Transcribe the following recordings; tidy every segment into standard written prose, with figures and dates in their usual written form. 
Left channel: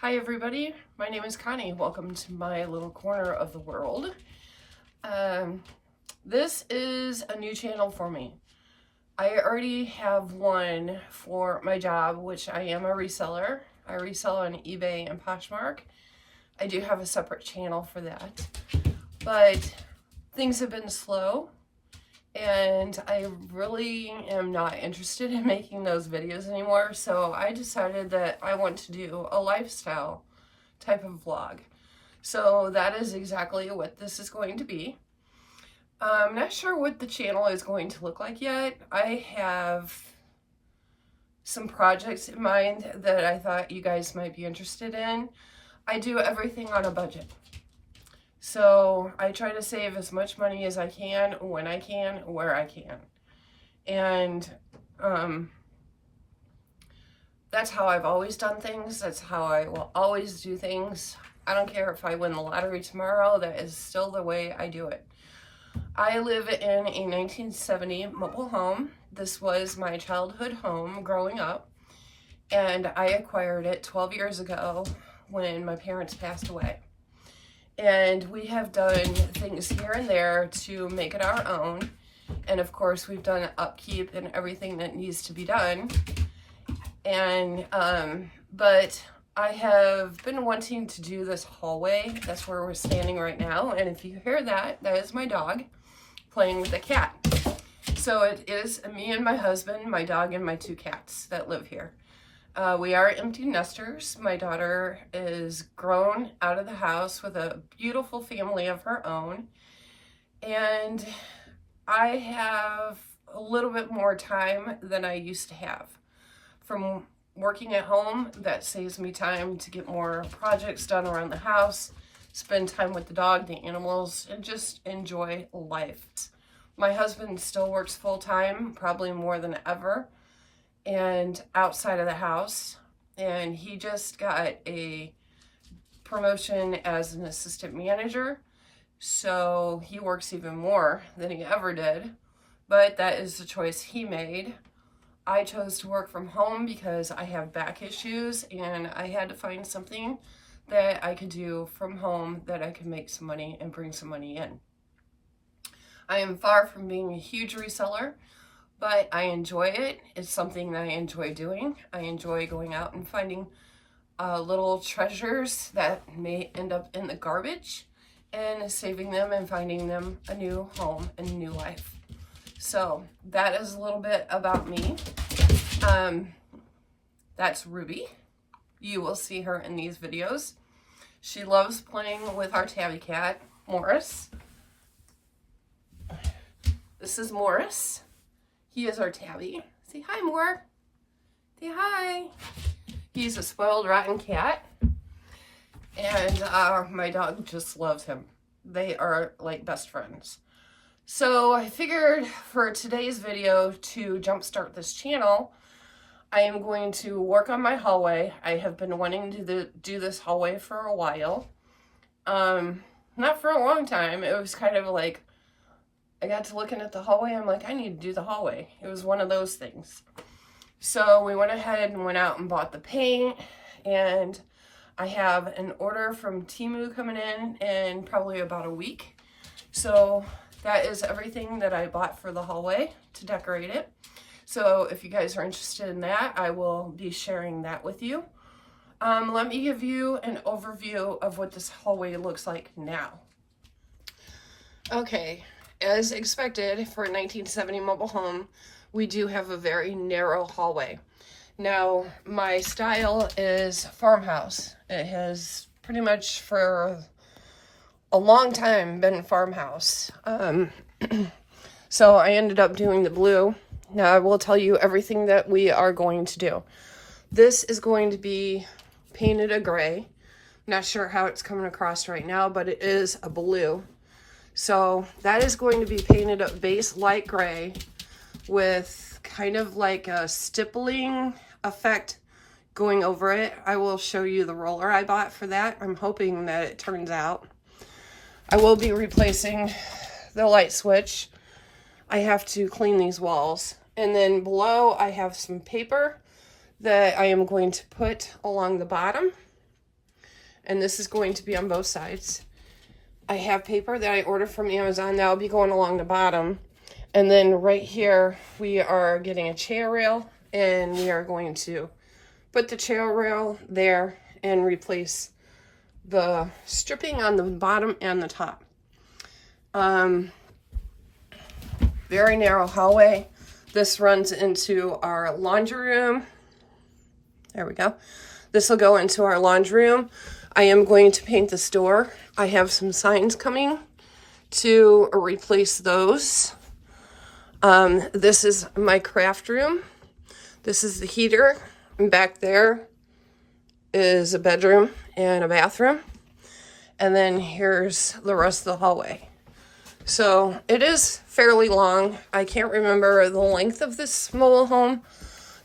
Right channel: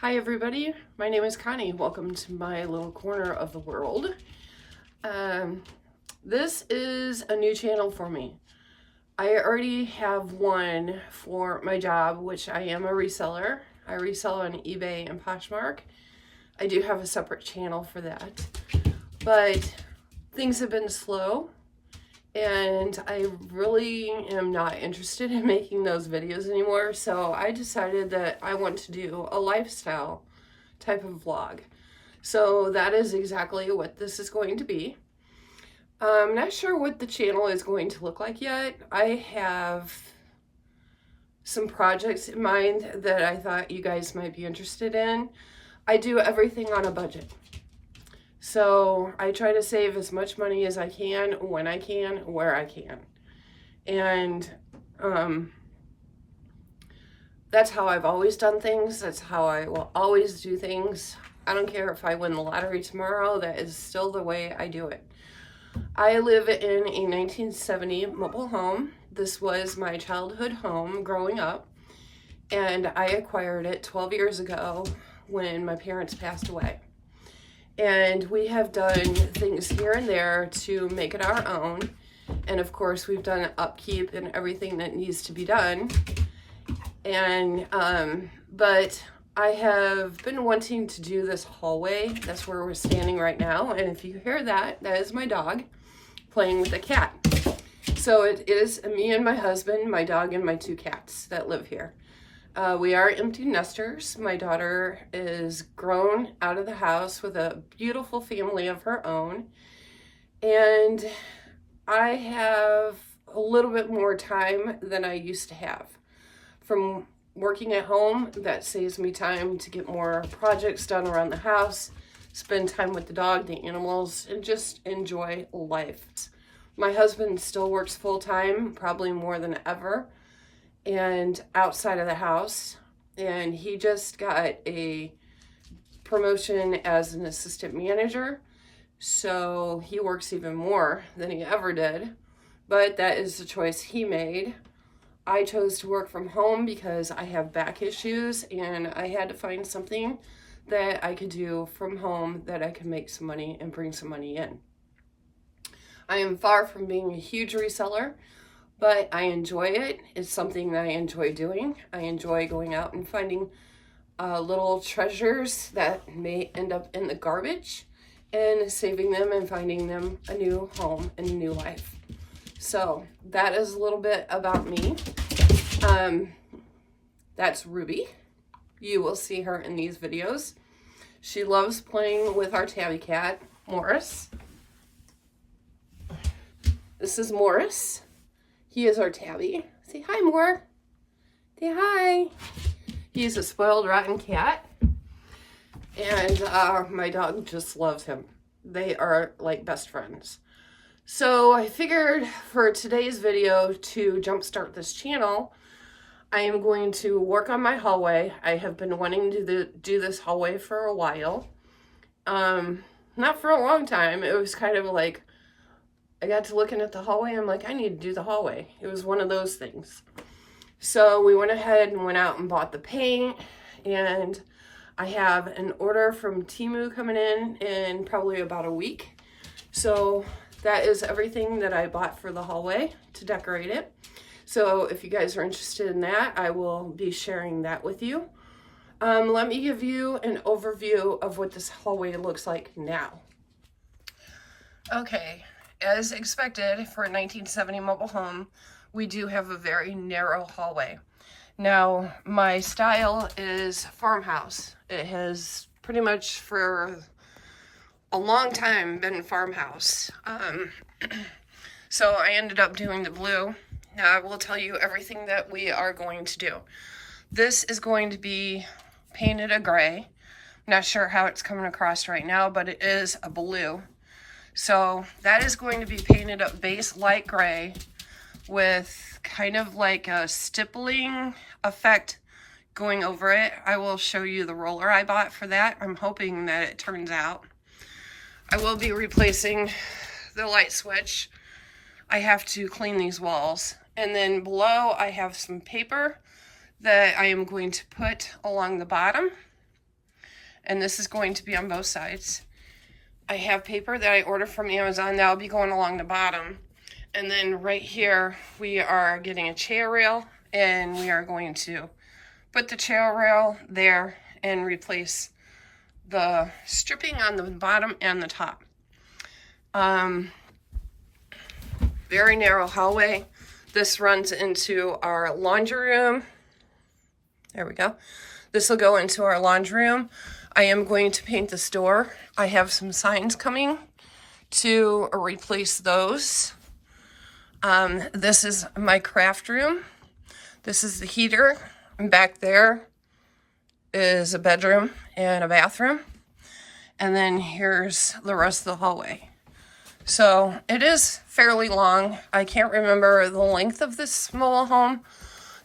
Hi everybody, my name is Connie. Welcome to my little corner of the world. This is a new channel for me. I already have one for my job, which I am a reseller. I resell on eBay and Poshmark. I do have a separate channel for that, but things have been slow and I really am not interested in making those videos anymore. So I decided that I want to do a lifestyle type of vlog. So that is exactly what this is going to be. I'm not sure what the channel is going to look like yet. I have some projects in mind that I thought you guys might be interested in. I do everything on a budget. So I try to save as much money as I can, when I can, where I can. And that's how I've always done things. That's how I will always do things. I don't care if I win the lottery tomorrow. That is still the way I do it. I live in a 1970 mobile home. This was my childhood home growing up. And I acquired it 12 years ago when my parents passed away. And we have done things here and there to make it our own. And of course, we've done upkeep and everything that needs to be done. And, but I have been wanting to do this hallway. That's where we're standing right now. And if you hear that, that is my dog playing with a cat. So it is me and my husband, my dog, and my two cats that live here. We are empty nesters. My daughter is grown out of the house with a beautiful family of her own. And I have a little bit more time than I used to have. From working at home, that saves me time to get more projects done around the house, spend time with the dog, the animals, and just enjoy life. My husband still works full-time, probably more than ever, and outside of the house, and he just got a promotion as an assistant manager, so he works even more than he ever did, but that is the choice he made. I chose to work from home because I have back issues and I had to find something that I could do from home that I could make some money and bring some money in. I am far from being a huge reseller, but I enjoy it. It's something that I enjoy doing. I enjoy going out and finding little treasures that may end up in the garbage and saving them and finding them a new home and a new life. So that is a little bit about me. That's Ruby. You will see her in these videos. She loves playing with our tabby cat, Morris. This is Morris. He is our tabby. Say hi, Moore. Say hi. He's a spoiled, rotten cat. And my dog just loves him. They are like best friends. So I figured for today's video to jumpstart this channel, I am going to work on my hallway. I have been wanting to do this hallway for a while. Not for a long time. It was kind of like, I got to looking at the hallway. I'm like, I need to do the hallway. It was one of those things. So we went ahead and went out and bought the paint. And I have an order from Temu coming in probably about a week. So that is everything that I bought for the hallway to decorate it. So if you guys are interested in that, I will be sharing that with you. Let me give you an overview of what this hallway looks like now. Okay, as expected for a 1970 mobile home, we do have a very narrow hallway. Now, my style is farmhouse. It has pretty much for a long time been farmhouse. So I ended up doing the blue. Now I will tell you everything that we are going to do. This is going to be painted a gray. Not sure how it's coming across right now, but it is a blue. So that is going to be painted a base light gray with kind of like a stippling effect going over it. I will show you the roller I bought for that. I'm hoping that it turns out. I will be replacing the light switch. I have to clean these walls. And then below I have some paper that I am going to put along the bottom. and this is going to be on both sides. I have paper that I ordered from Amazon that will be going along the bottom. And then right here, we are getting a chair rail, and we are going to put the chair rail there and replace the stripping on the bottom and the top. Very narrow hallway. This runs into our laundry room. There we go. This will go into our laundry room. I am going to paint this door. I have some signs coming to replace those. This is my craft room. This is the heater. And back there is a bedroom and a bathroom. And then here's the rest of the hallway. So it is fairly long. I can't remember the length of this mobile home.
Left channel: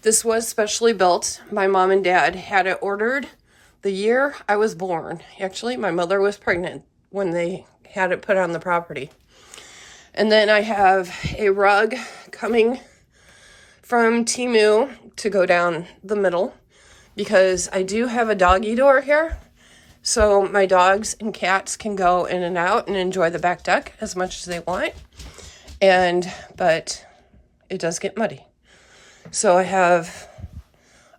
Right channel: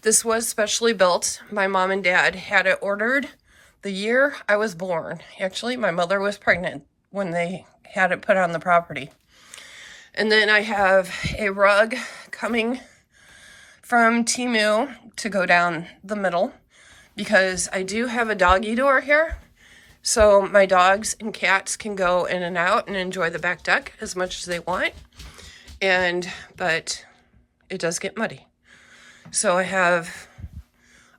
This was specially built. My mom and dad had it ordered the year I was born. Actually, my mother was pregnant when they had it put on the property. And then I have a rug coming from Temu to go down the middle because I do have a doggy door here. So my dogs and cats can go in and out and enjoy the back deck as much as they want. But it does get muddy. So I have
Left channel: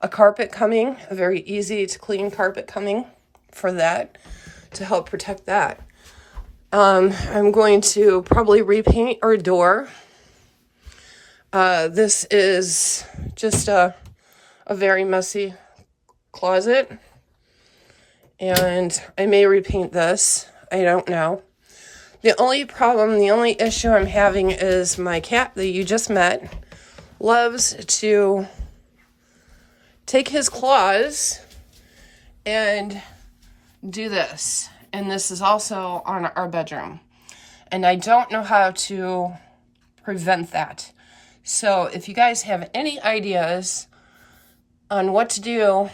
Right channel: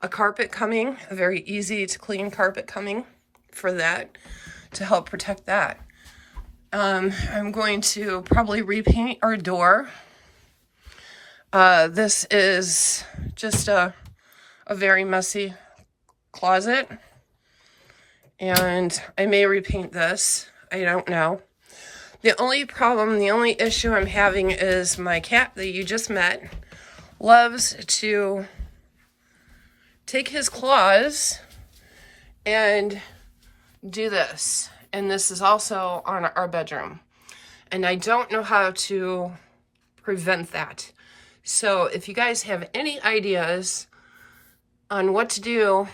a carpet coming, a very easy to clean carpet coming for that to help protect that. I'm going to probably repaint our door. This is just a very messy closet. And I may repaint this. I don't know. The only issue I'm having is my cat that you just met loves to take his claws and do this. And this is also on our bedroom. And I don't know how to prevent that. So if you guys have any ideas on what to do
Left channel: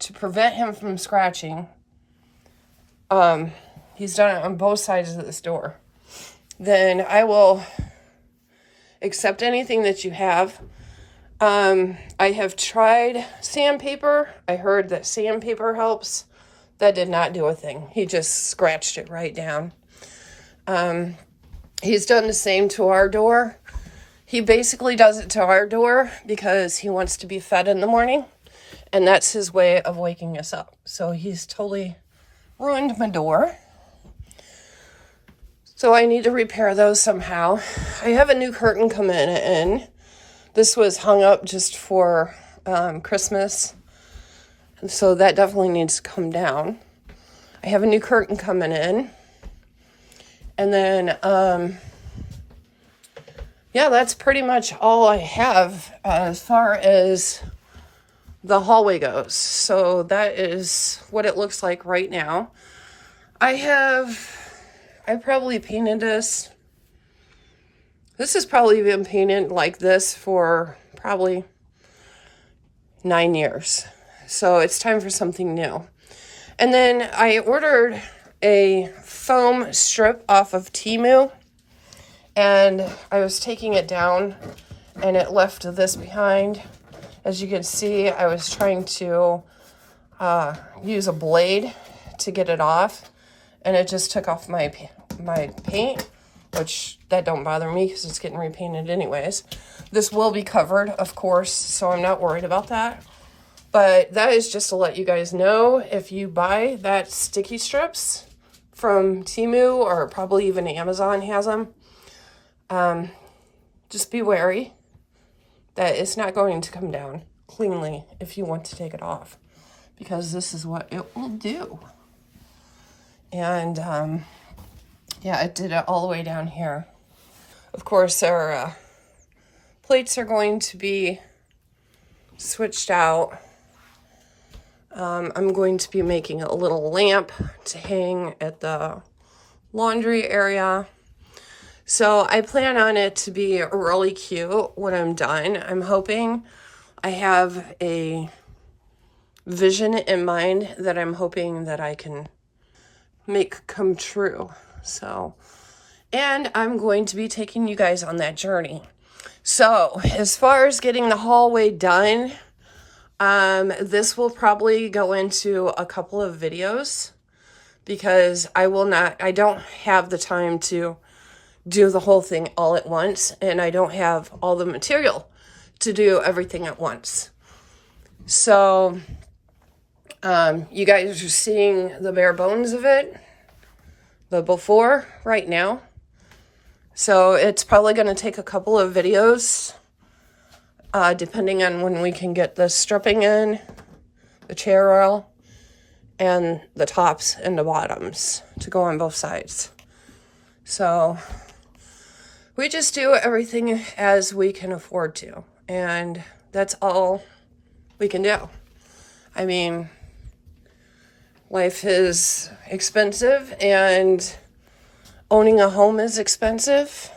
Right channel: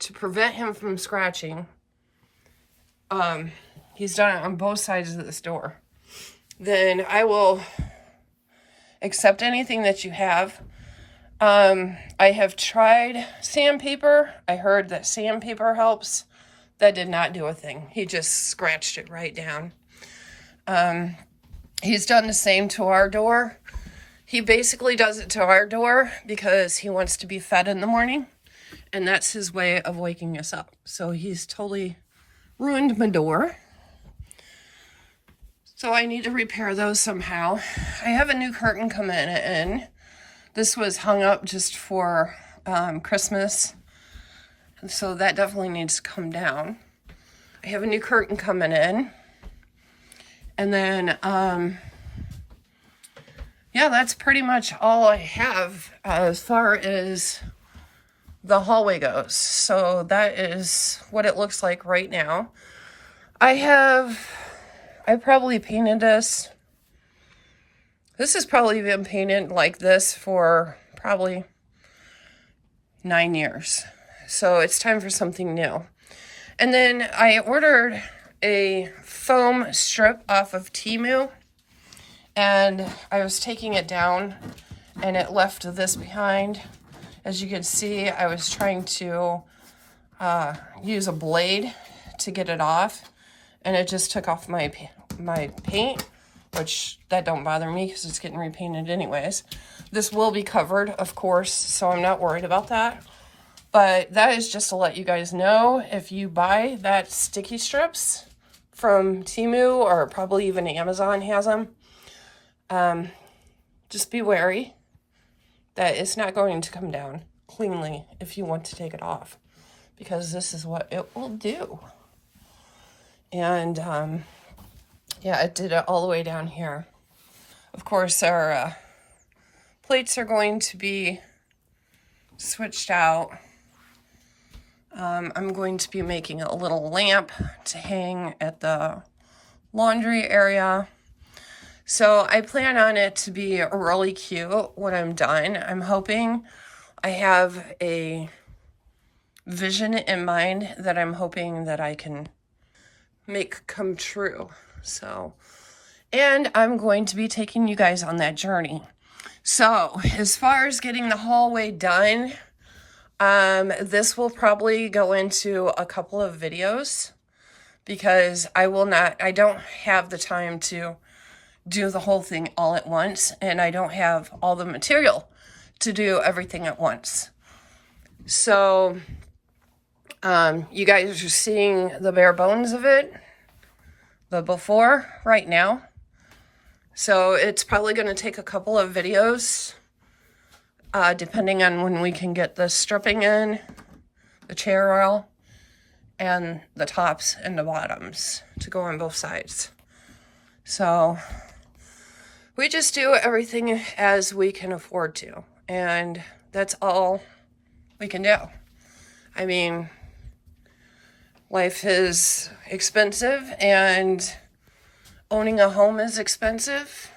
to prevent him from scratching, he's done it on both sides of this door, then I will accept anything that you have. I have tried sandpaper. I heard that sandpaper helps. That did not do a thing. He just scratched it right down. He's done the same to our door. He basically does it to our door because he wants to be fed in the morning, and that's his way of waking us up. So he's totally ruined my door. So I need to repair those somehow. I have a new curtain coming in. This was hung up just for Christmas. So that definitely needs to come down. I have a new curtain coming in. And then, yeah, that's pretty much all I have as far as the hallway goes. So that is what it looks like right now. I probably painted this. This has probably been painted like this for probably 9 years. So it's time for something new. And then I ordered a foam strip off of Temu. And I was taking it down and it left this behind. As you can see, I was trying to use a blade to get it off. And it just took off my paint, which that don't bother me because it's getting repainted anyways. This will be covered, of course, so I'm not worried about that. But that is just to let you guys know, if you buy that sticky strips from Temu or probably even Amazon has them, just be wary that it's not going to come down cleanly if you want to take it off, because this is what it will do. And yeah, it did it all the way down here. Of course, our plates are going to be switched out. I'm going to be making a little lamp to hang at the laundry area. So I plan on it to be really cute when I'm done. I'm hoping I have a vision in mind that I'm hoping that I can make come true. So, and I'm going to be taking you guys on that journey. So as far as getting the hallway done, this will probably go into a couple of videos. because I don't have the time to do the whole thing all at once, and I don't have all the material to do everything at once. So you guys are seeing the bare bones of it, the before right now. So it's probably going to take a couple of videos, depending on when we can get the stripping in, the chair rail, and the tops and the bottoms to go on both sides. So we just do everything as we can afford to, and that's all we can do. I mean, life is expensive, and owning a home is expensive,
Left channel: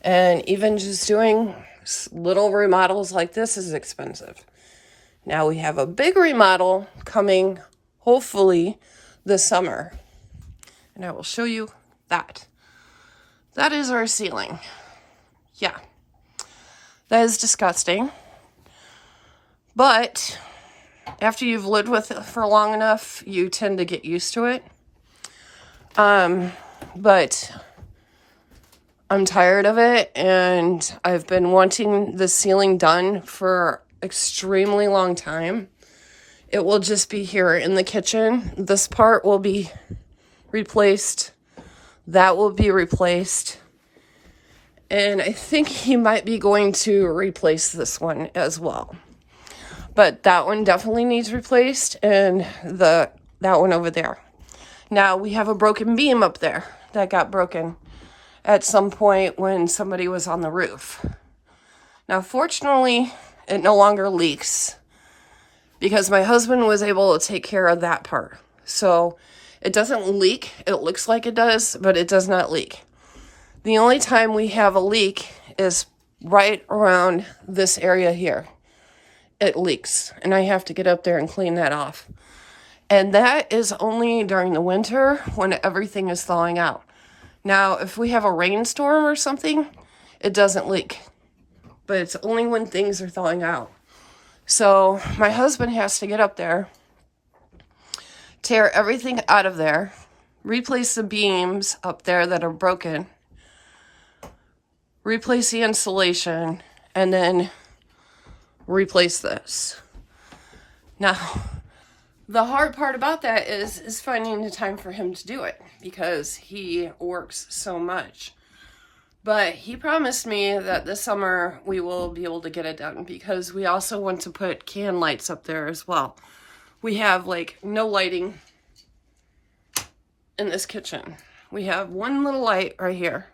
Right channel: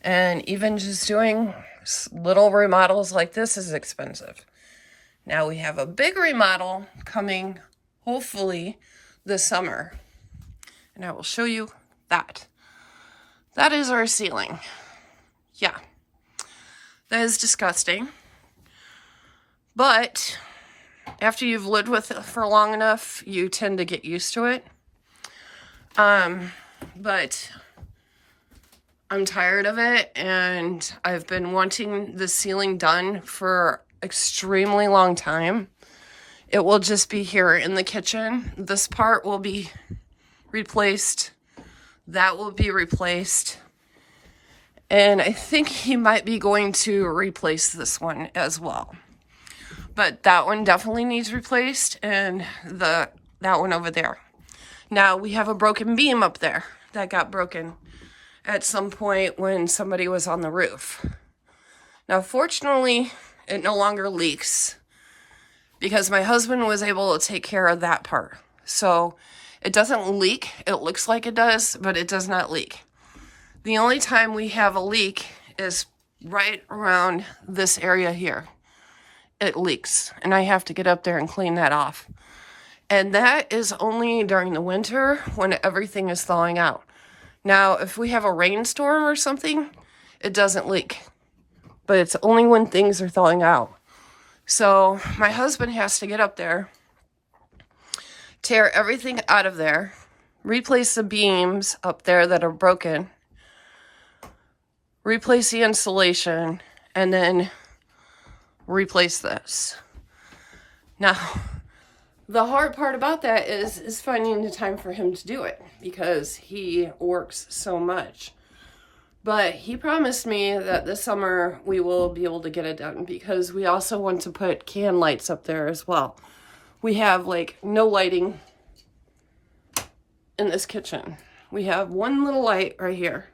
and even just doing little remodels like this is expensive. Now we have a big remodel coming, hopefully, this summer, and I will show you that. That is our ceiling. Yeah, that is disgusting, but after you've lived with it for long enough, you tend to get used to it. But I'm tired of it, and I've been wanting the ceiling done for extremely long time. It will just be here in the kitchen. This part will be replaced. That will be replaced. And I think he might be going to replace this one as well. But that one definitely needs replaced, and that one over there. Now we have a broken beam up there that got broken at some point when somebody was on the roof. Now fortunately, it no longer leaks because my husband was able to take care of that part. So it doesn't leak. It looks like it does, but it does not leak. The only time we have a leak is right around this area here. It leaks, and I have to get up there and clean that off. And that is only during the winter when everything is thawing out. Now, if we have a rainstorm or something, it doesn't leak. But it's only when things are thawing out. So my husband has to get up there, tear everything out of there, replace the beams up there that are broken, replace the insulation, and then replace this. Now, the hard part about that is finding the time for him to do it because he works so much. But he promised me that this summer we will be able to get it done because we also want to put can lights up there as well. We have like no lighting in this kitchen. We have one little light right here.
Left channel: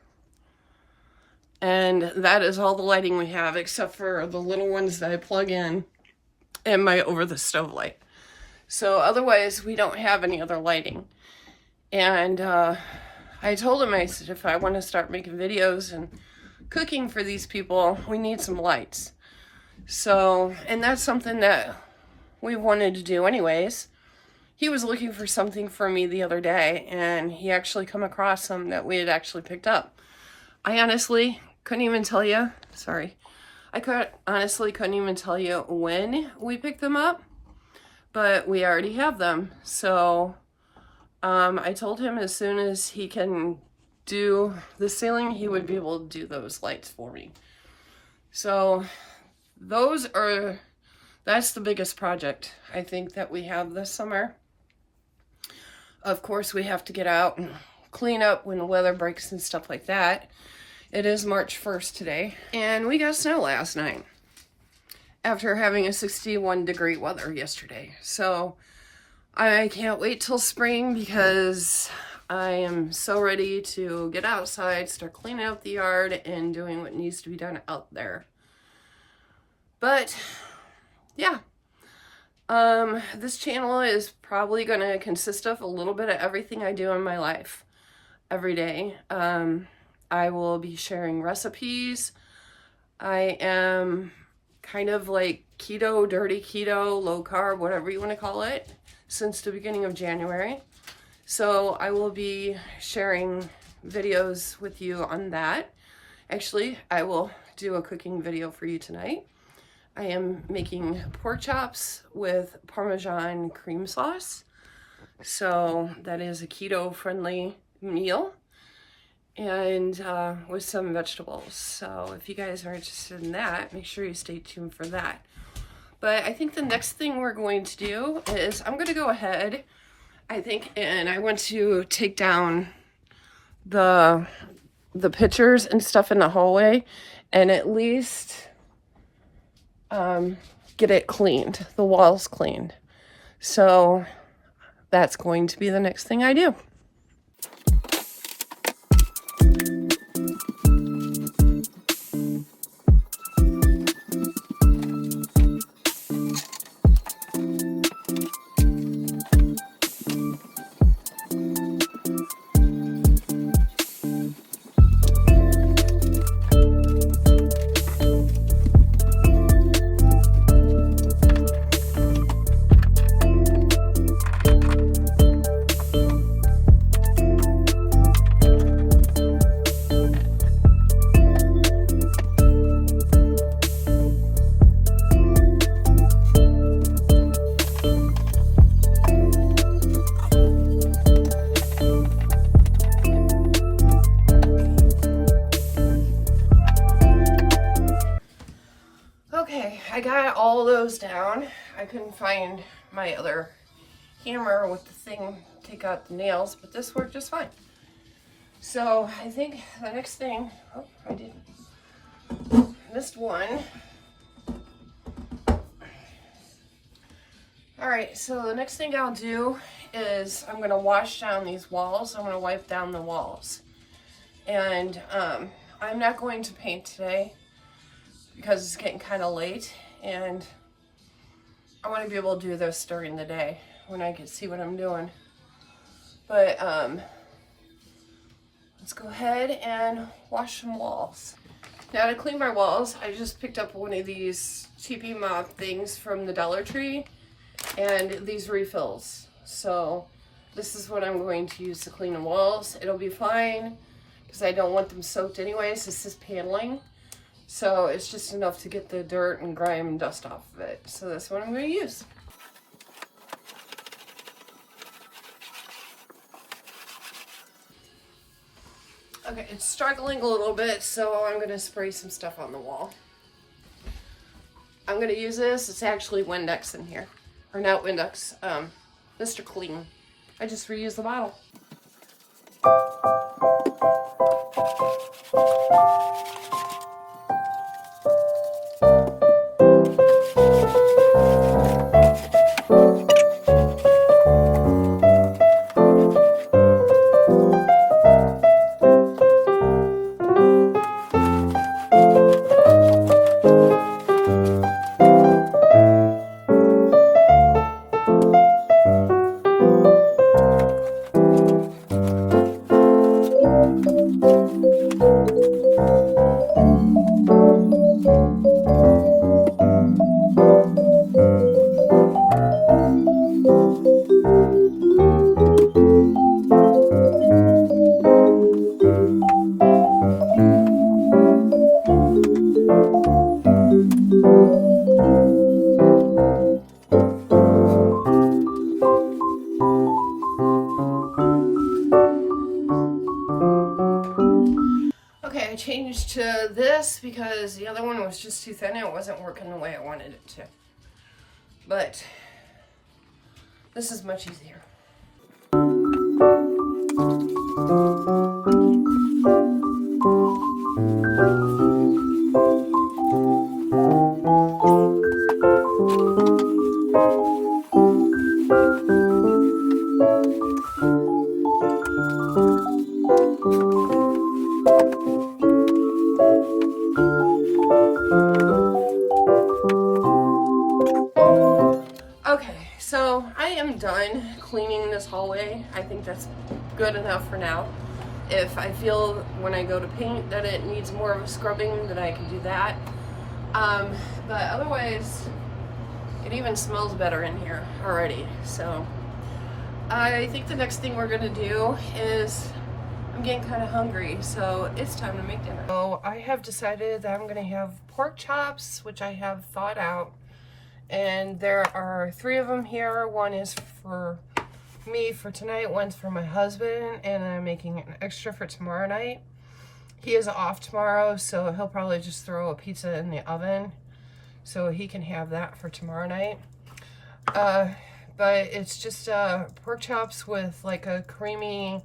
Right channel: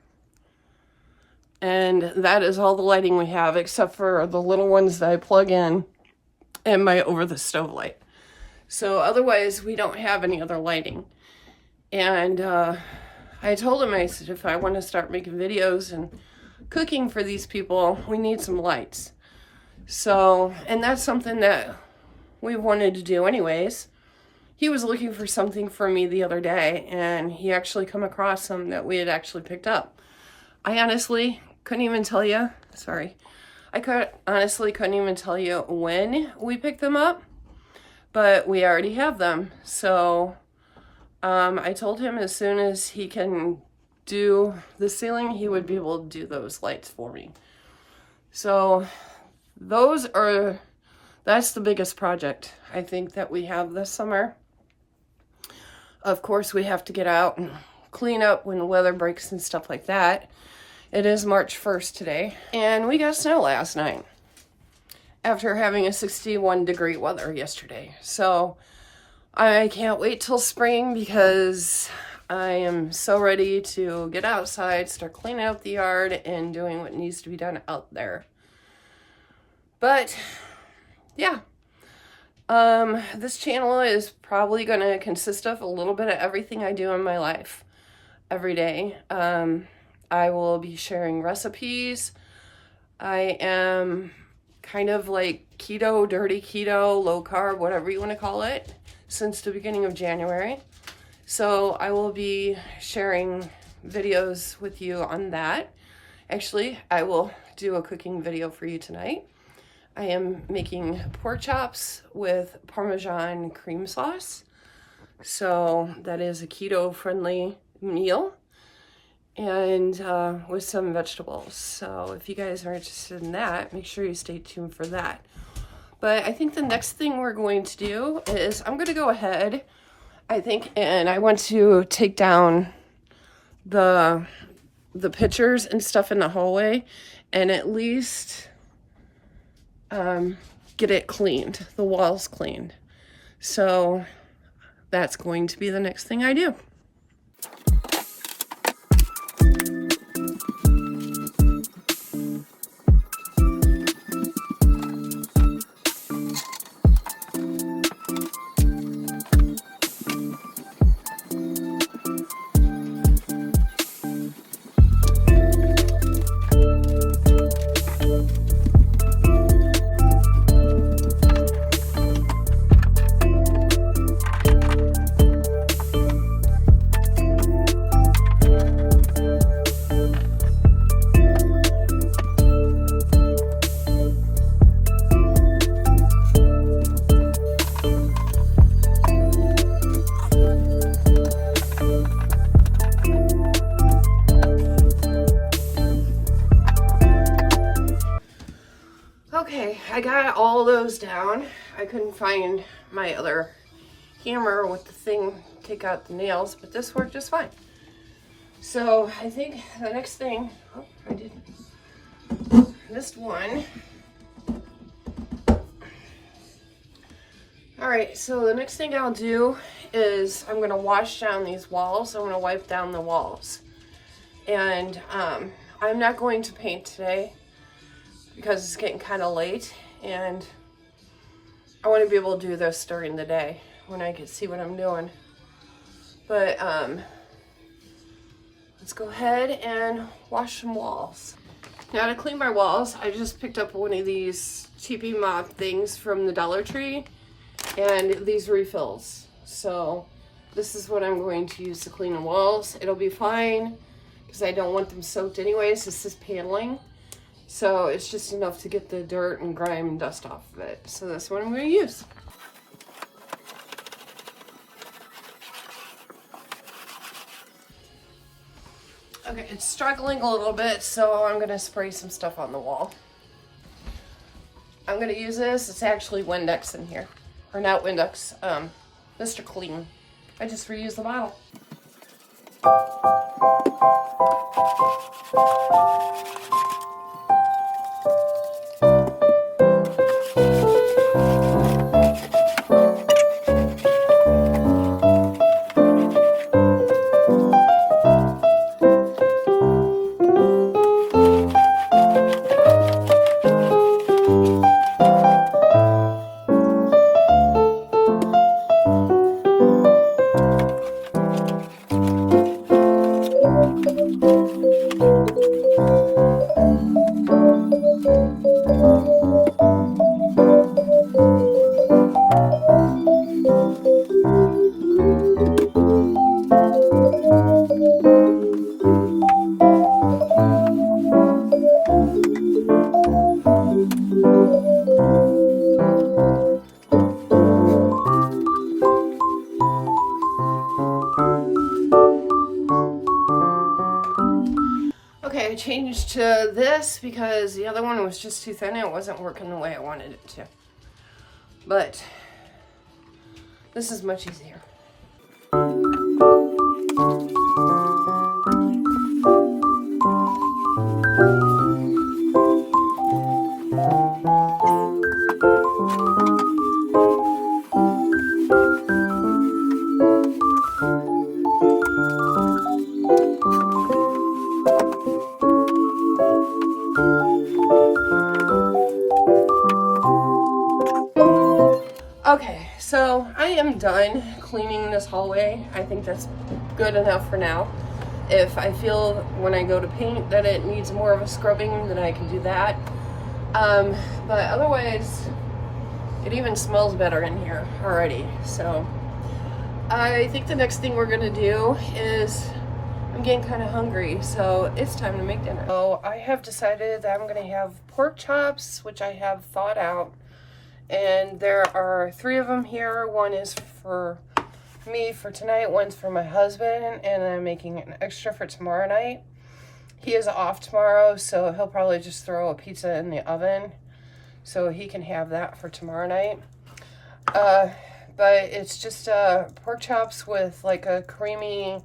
And that is all the lighting we have except for the little ones that I plug in and my over the stove light. So otherwise, we don't have any other lighting. And I told him, I said, if I want to start making videos and cooking for these people, we need some lights. So, and that's something that we wanted to do anyways. He was looking for something for me the other day, and he actually come across some that we had actually picked up. I honestly couldn't even tell you, honestly couldn't even tell you when we picked them up. But we already have them. So I told him as soon as he can do the ceiling, he would be able to do those lights for me. So that's the biggest project I think that we have this summer. Of course, we have to get out and clean up when the weather breaks and stuff like that. It is March 1st today, and we got snow last night after having a 61 degree weather yesterday. So I can't wait till spring because I am so ready to get outside, start cleaning up the yard and doing what needs to be done out there. But yeah, this channel is probably going to consist of a little bit of everything I do in my life every day. I will be sharing recipes. I am kind of like keto, dirty keto, low carb, whatever you want to call it, since the beginning of January. So I will be sharing videos with you on that. Actually, I will do a cooking video for you tonight. I am making pork chops with Parmesan cream sauce. So that is a keto-friendly meal, and with some vegetables. So if you guys are interested in that, make sure you stay tuned for that. But I think the next thing we're going to do is I'm going to go ahead, I think, and I want to take down the pictures and stuff in the hallway and at least get it cleaned, the walls cleaned. So that's going to be the next thing I do. Okay, I got all those down. I couldn't find my other hammer with the thing to take out the nails, but this worked just fine. So I think the next thing, oh, I missed one. All right, so the next thing I'll do is I'm gonna wash down these walls. I'm gonna wipe down the walls. And I'm not going to paint today because it's getting kind of late, and I want to be able to do this during the day when I can see what I'm doing. But let's go ahead and wash some walls. Now to clean my walls, I just picked up one of these TP mop things from the Dollar Tree and these refills. So this is what I'm going to use to clean the walls. It'll be fine because I don't want them soaked anyways. This is paneling. So it's just enough to get the dirt and grime and dust off of it. So that's what I'm going to use. Okay, it's struggling a little bit, so I'm going to spray some stuff on the wall. I'm going to use this. It's actually Windex in here. Or not Windex, Mr. Clean. I just reused the bottle. Okay, I changed to this because the other one was just too thin and it wasn't working the way I wanted it to. But this is much easier. Okay, so I am done cleaning this hallway. I think that's good enough for now. If I feel when I go to paint that it needs more of a scrubbing, then I can do that. But otherwise, it even smells better in here already. So I think the next thing we're gonna do is, I'm getting kind of hungry, so it's time to make dinner. So I have decided that I'm gonna have pork chops, which I have thawed out. And there are 3 of them here. One is for me for tonight, one's for my husband, and I'm making an extra for tomorrow night. He is off tomorrow, so he'll probably just throw a pizza in the oven so he can have that for tomorrow night. But it's just pork chops with like a creamy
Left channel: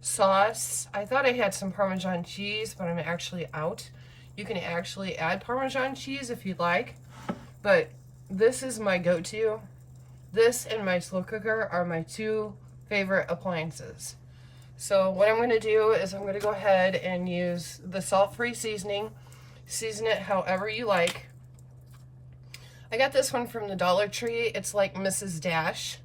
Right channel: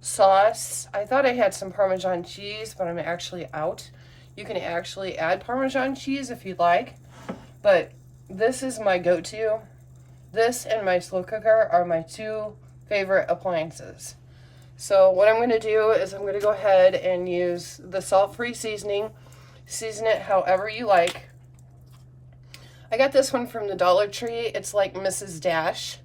sauce. I thought I had some Parmesan cheese, but I'm actually out. You can actually add Parmesan cheese if you'd like, but this is my go-to. This and my slow cooker are my two favorite appliances. So what I'm going to do is I'm going to go ahead and use the salt-free seasoning. Season it however you like. I got this one from the Dollar Tree. It's like Mrs. Dash,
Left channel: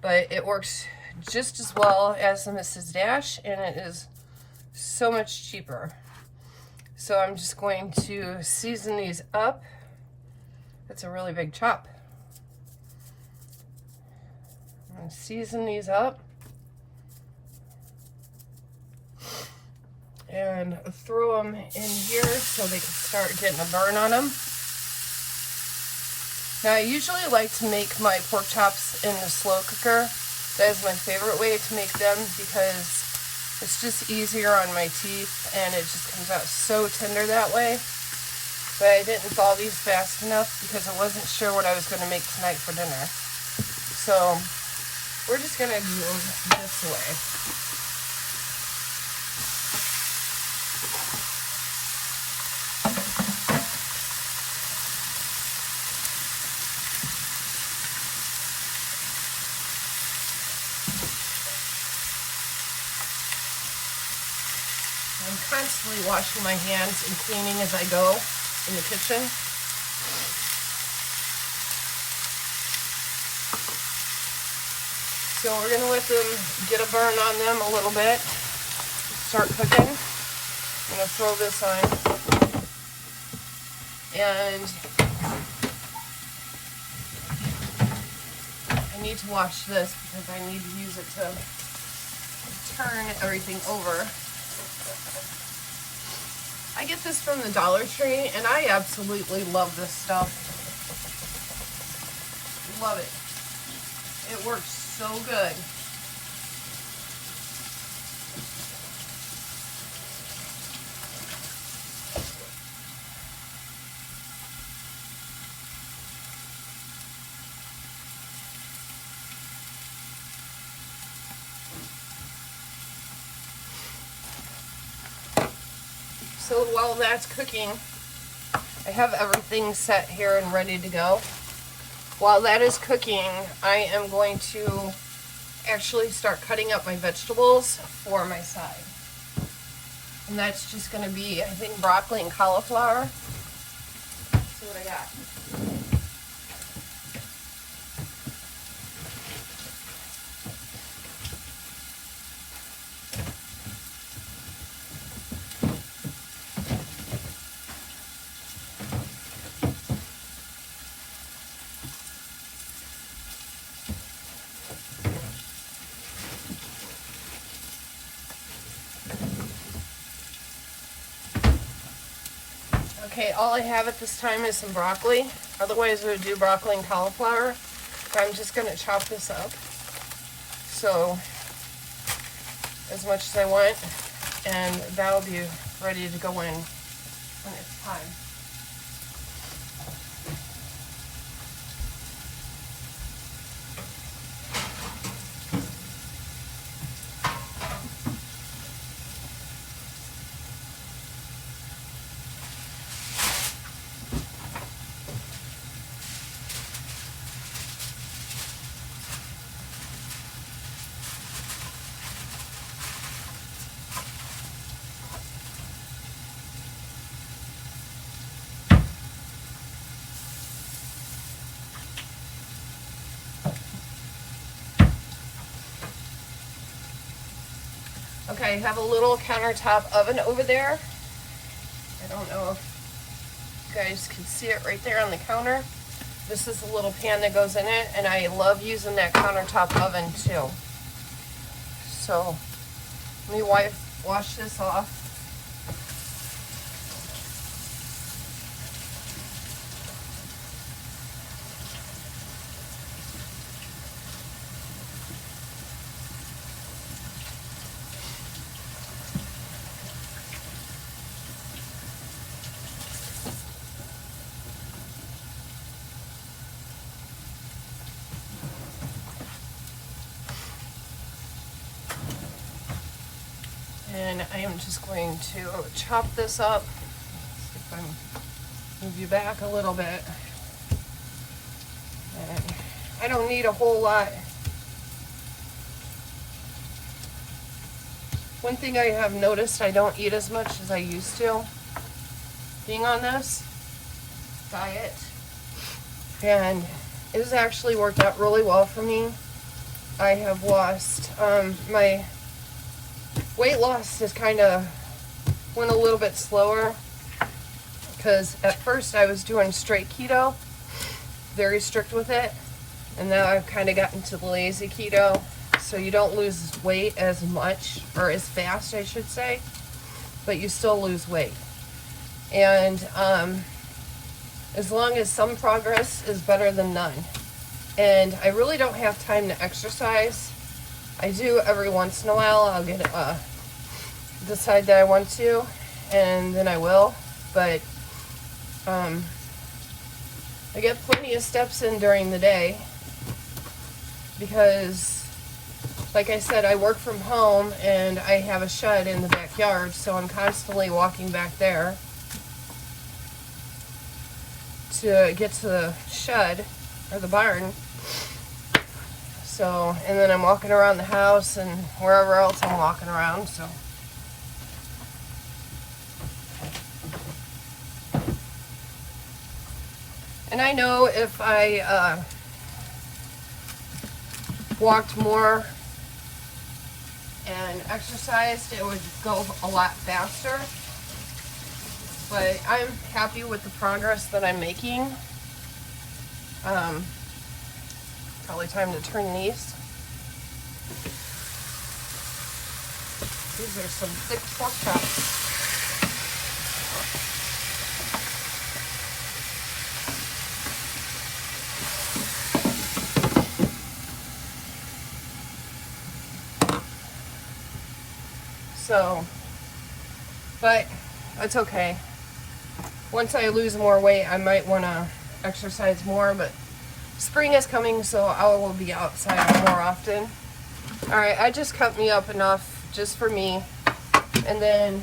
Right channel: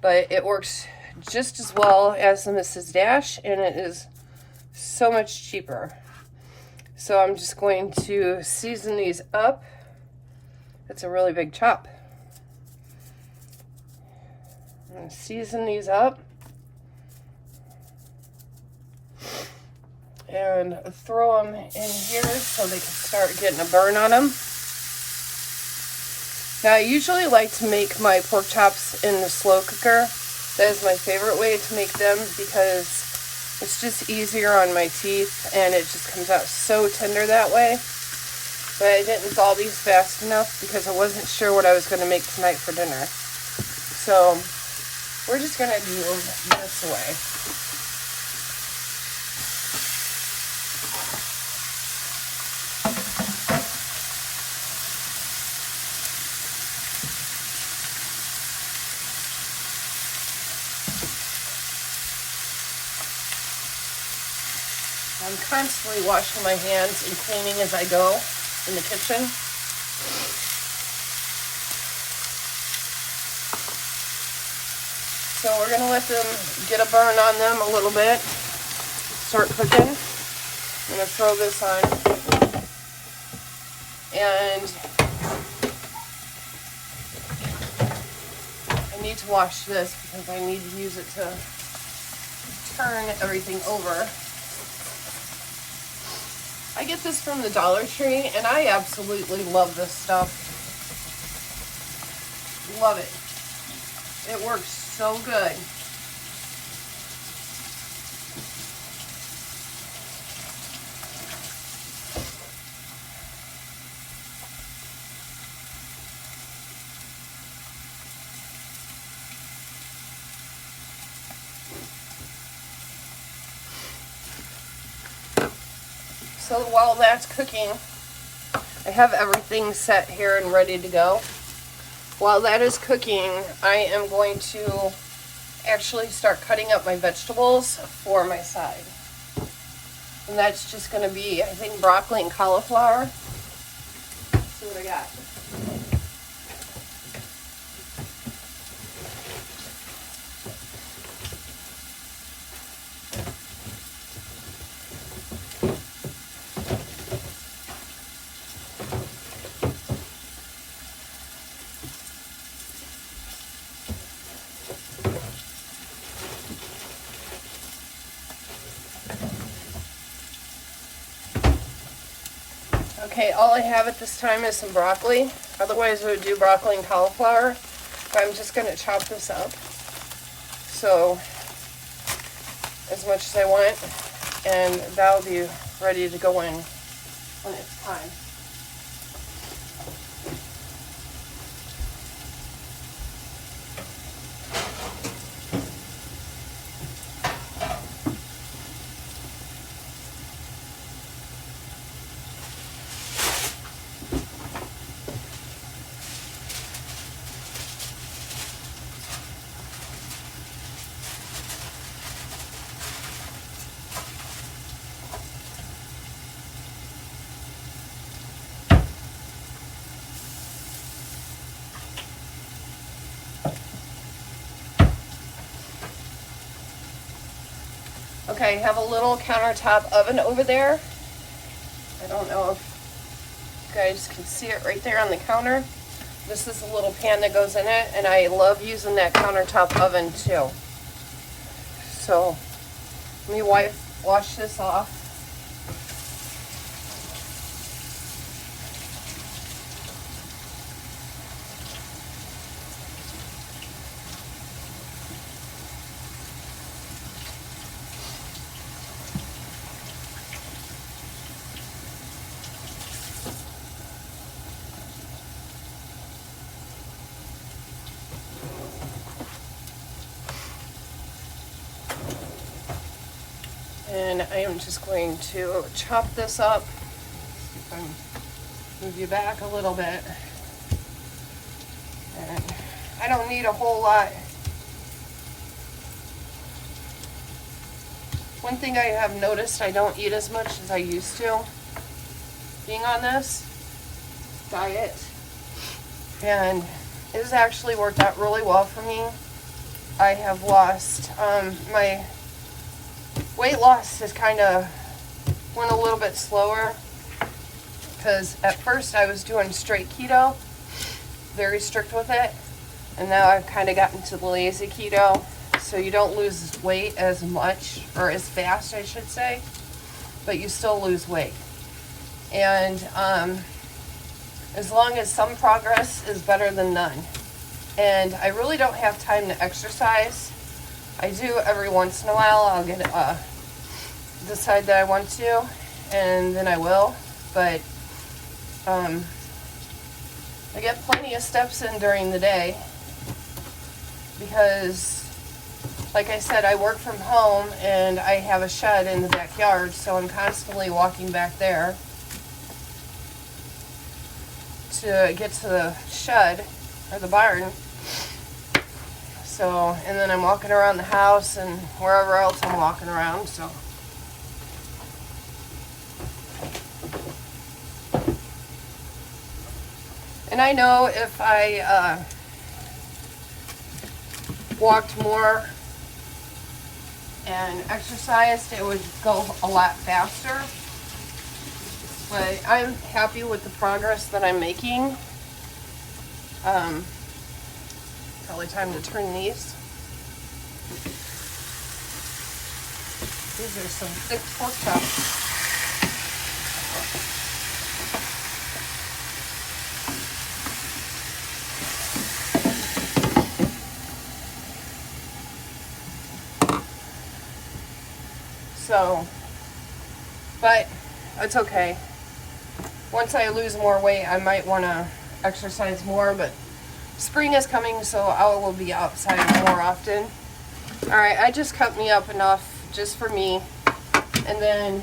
but it works just as well as the Mrs. Dash, and it is so much cheaper. So I'm just going to season these up. It's a really big chop. I'm going to season these up and throw them in here so they can start getting a burn on them. Now, I usually like to make my pork chops in the slow cooker. That is my favorite way to make them because it's just easier on my teeth and it just comes out so tender that way. But I didn't thaw these fast enough because I wasn't sure what I was going to make tonight for dinner. So we're just going to do them this way. I'm constantly washing my hands and cleaning as I go in the kitchen. So we're going to let them get a burn on them a little bit. Start cooking. I'm going to throw this on. And I need to wash this because I need to use it to turn everything over. I get this from the Dollar Tree, and I absolutely love this stuff. Love it. It works so good. So while that's cooking, I have everything set here and ready to go. While that is cooking, I am going to actually start cutting up my vegetables for my side. And that's just going to be, I think, broccoli and cauliflower. Let's see what I got. Okay, all I have at this time is some broccoli. Otherwise, we would do broccoli and cauliflower. But I'm just going to chop this up. So, as much as I want. And that'll be ready to go in when it's time. Okay, I have a little countertop oven over there. I don't know if you guys can see it right there on the counter. This is a little pan that goes in it, and I love using that countertop oven too. So, let me wash this off. then I am just going to chop this up. Move you back a little bit. And I don't need a whole lot. One thing I have noticed, I don't eat as much as I used to being on this diet, and it has actually worked out really well for me. I have lost, my weight loss has kind of went a little bit slower, because at first I was doing straight keto, very strict with it, and now I've kind of gotten to the lazy keto, so you don't lose weight as much, or as fast I should say, but you still lose weight. And as long as some progress is better than none. And I really don't have time to exercise. I do every once in a while. I'll get decide that I want to, and then I will. But I get plenty of steps in during the day because, like I said, I work from home and I have a shed in the backyard, so I'm constantly walking back there to get to the shed or the barn. So, and then I'm walking around the house and wherever else I'm walking around, so. And I know if I walked more and exercised, it would go a lot faster. But I'm happy with the progress that I'm making. Probably time to turn these. These are some thick pork chops. So, but it's okay. Once I lose more weight, I might want to exercise more, but spring is coming, so I will be outside more often. All right, I just cut me up enough just for me, and then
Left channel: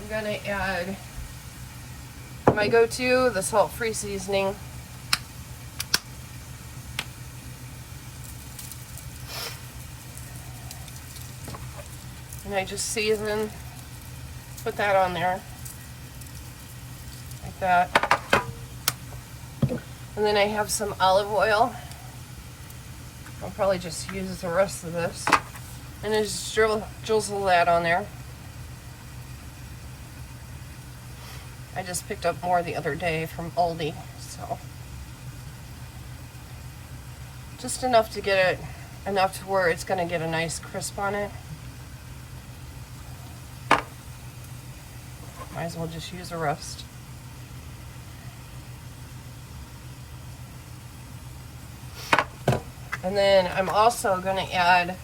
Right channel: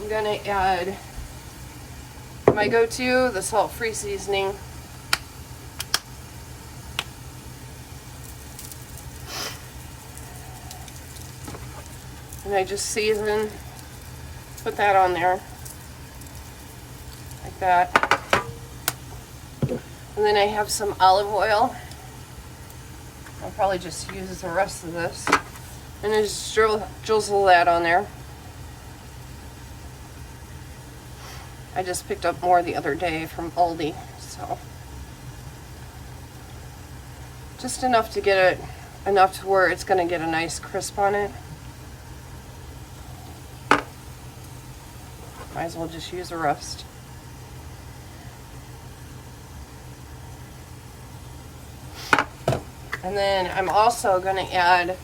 I'm gonna add my go-to, the salt-free seasoning. And I just season, put that on there, like that. And then I have some olive oil. I'll probably just use the rest of this. And just drizzle that on there. I just picked up more the other day from Aldi, so. Just enough to get it, enough to where it's gonna get a nice crisp on it. Might as well just use the rest. And then I'm also going to add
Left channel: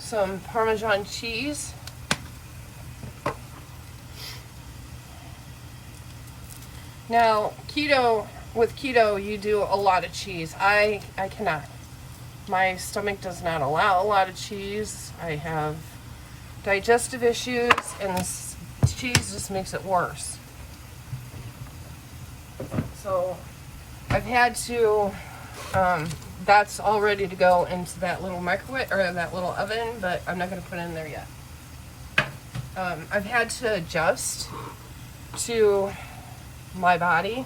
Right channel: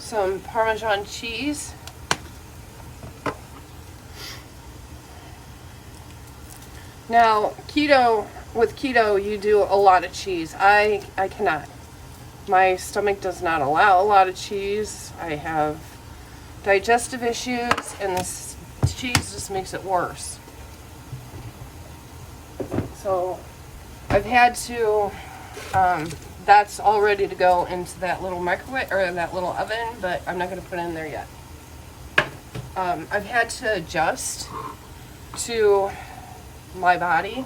some Parmesan cheese. Now, with keto, you do a lot of cheese. I cannot. My stomach does not allow a lot of cheese. I have digestive issues, and this cheese just makes it worse. So I've had to, that's all ready to go into that little microwave, or that little oven, but I'm not going to put it in there yet. I've had to adjust to my body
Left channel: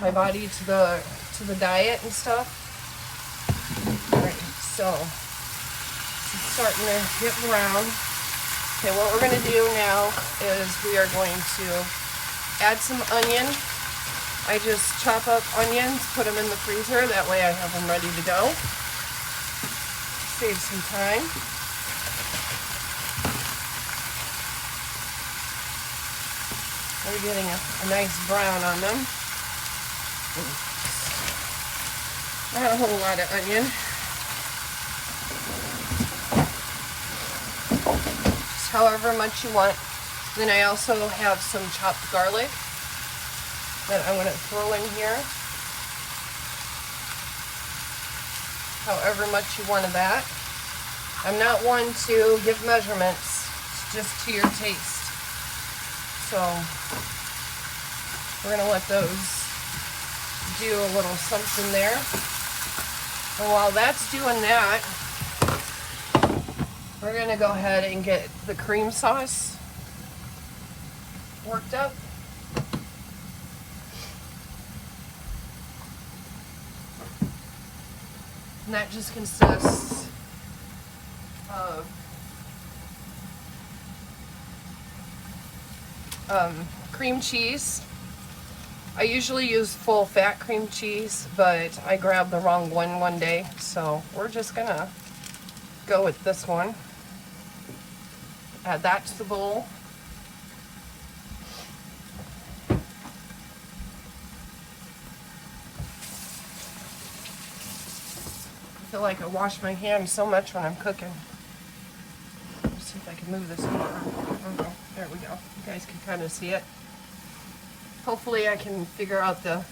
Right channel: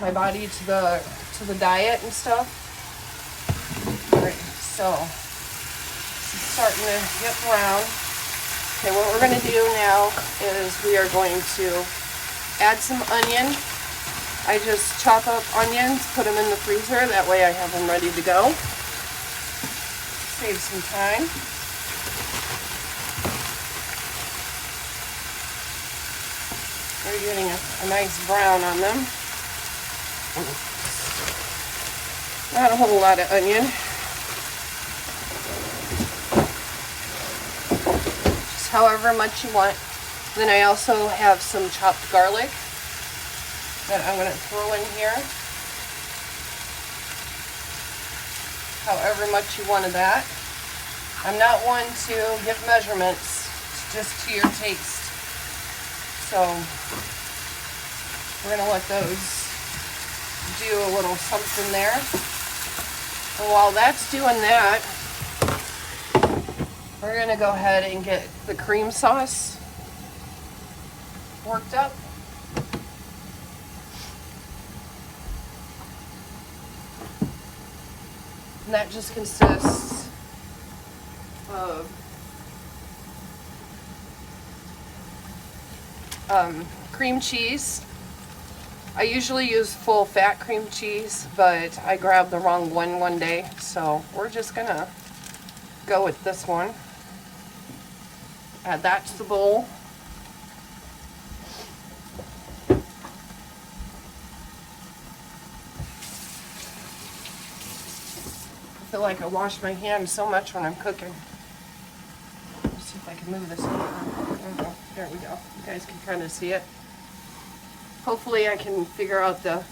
to the diet and stuff. So it's starting to get brown. Okay, what we're going to do now is we are going to add some onion. I just chop up onions, put them in the freezer. That way I have them ready to go. Save some time. They're getting a nice brown on them. Not a whole lot of onion. Just however much you want. Then I also have some chopped garlic. that I'm going to throw in here. However much you want of that. I'm not one to give measurements, it's just to your taste. So we're going to let those do a little something there. And while that's doing that, we're going to go ahead and get the cream sauce worked up. And that just consists of cream cheese. I usually use full fat cream cheese, but I grabbed the wrong one day, so we're just gonna go with this one. Add that to the bowl. I feel like I wash my hands so much when I'm cooking. Let's see if I can move this over. Okay, there we go. You guys can kind of see it. Hopefully I can figure out the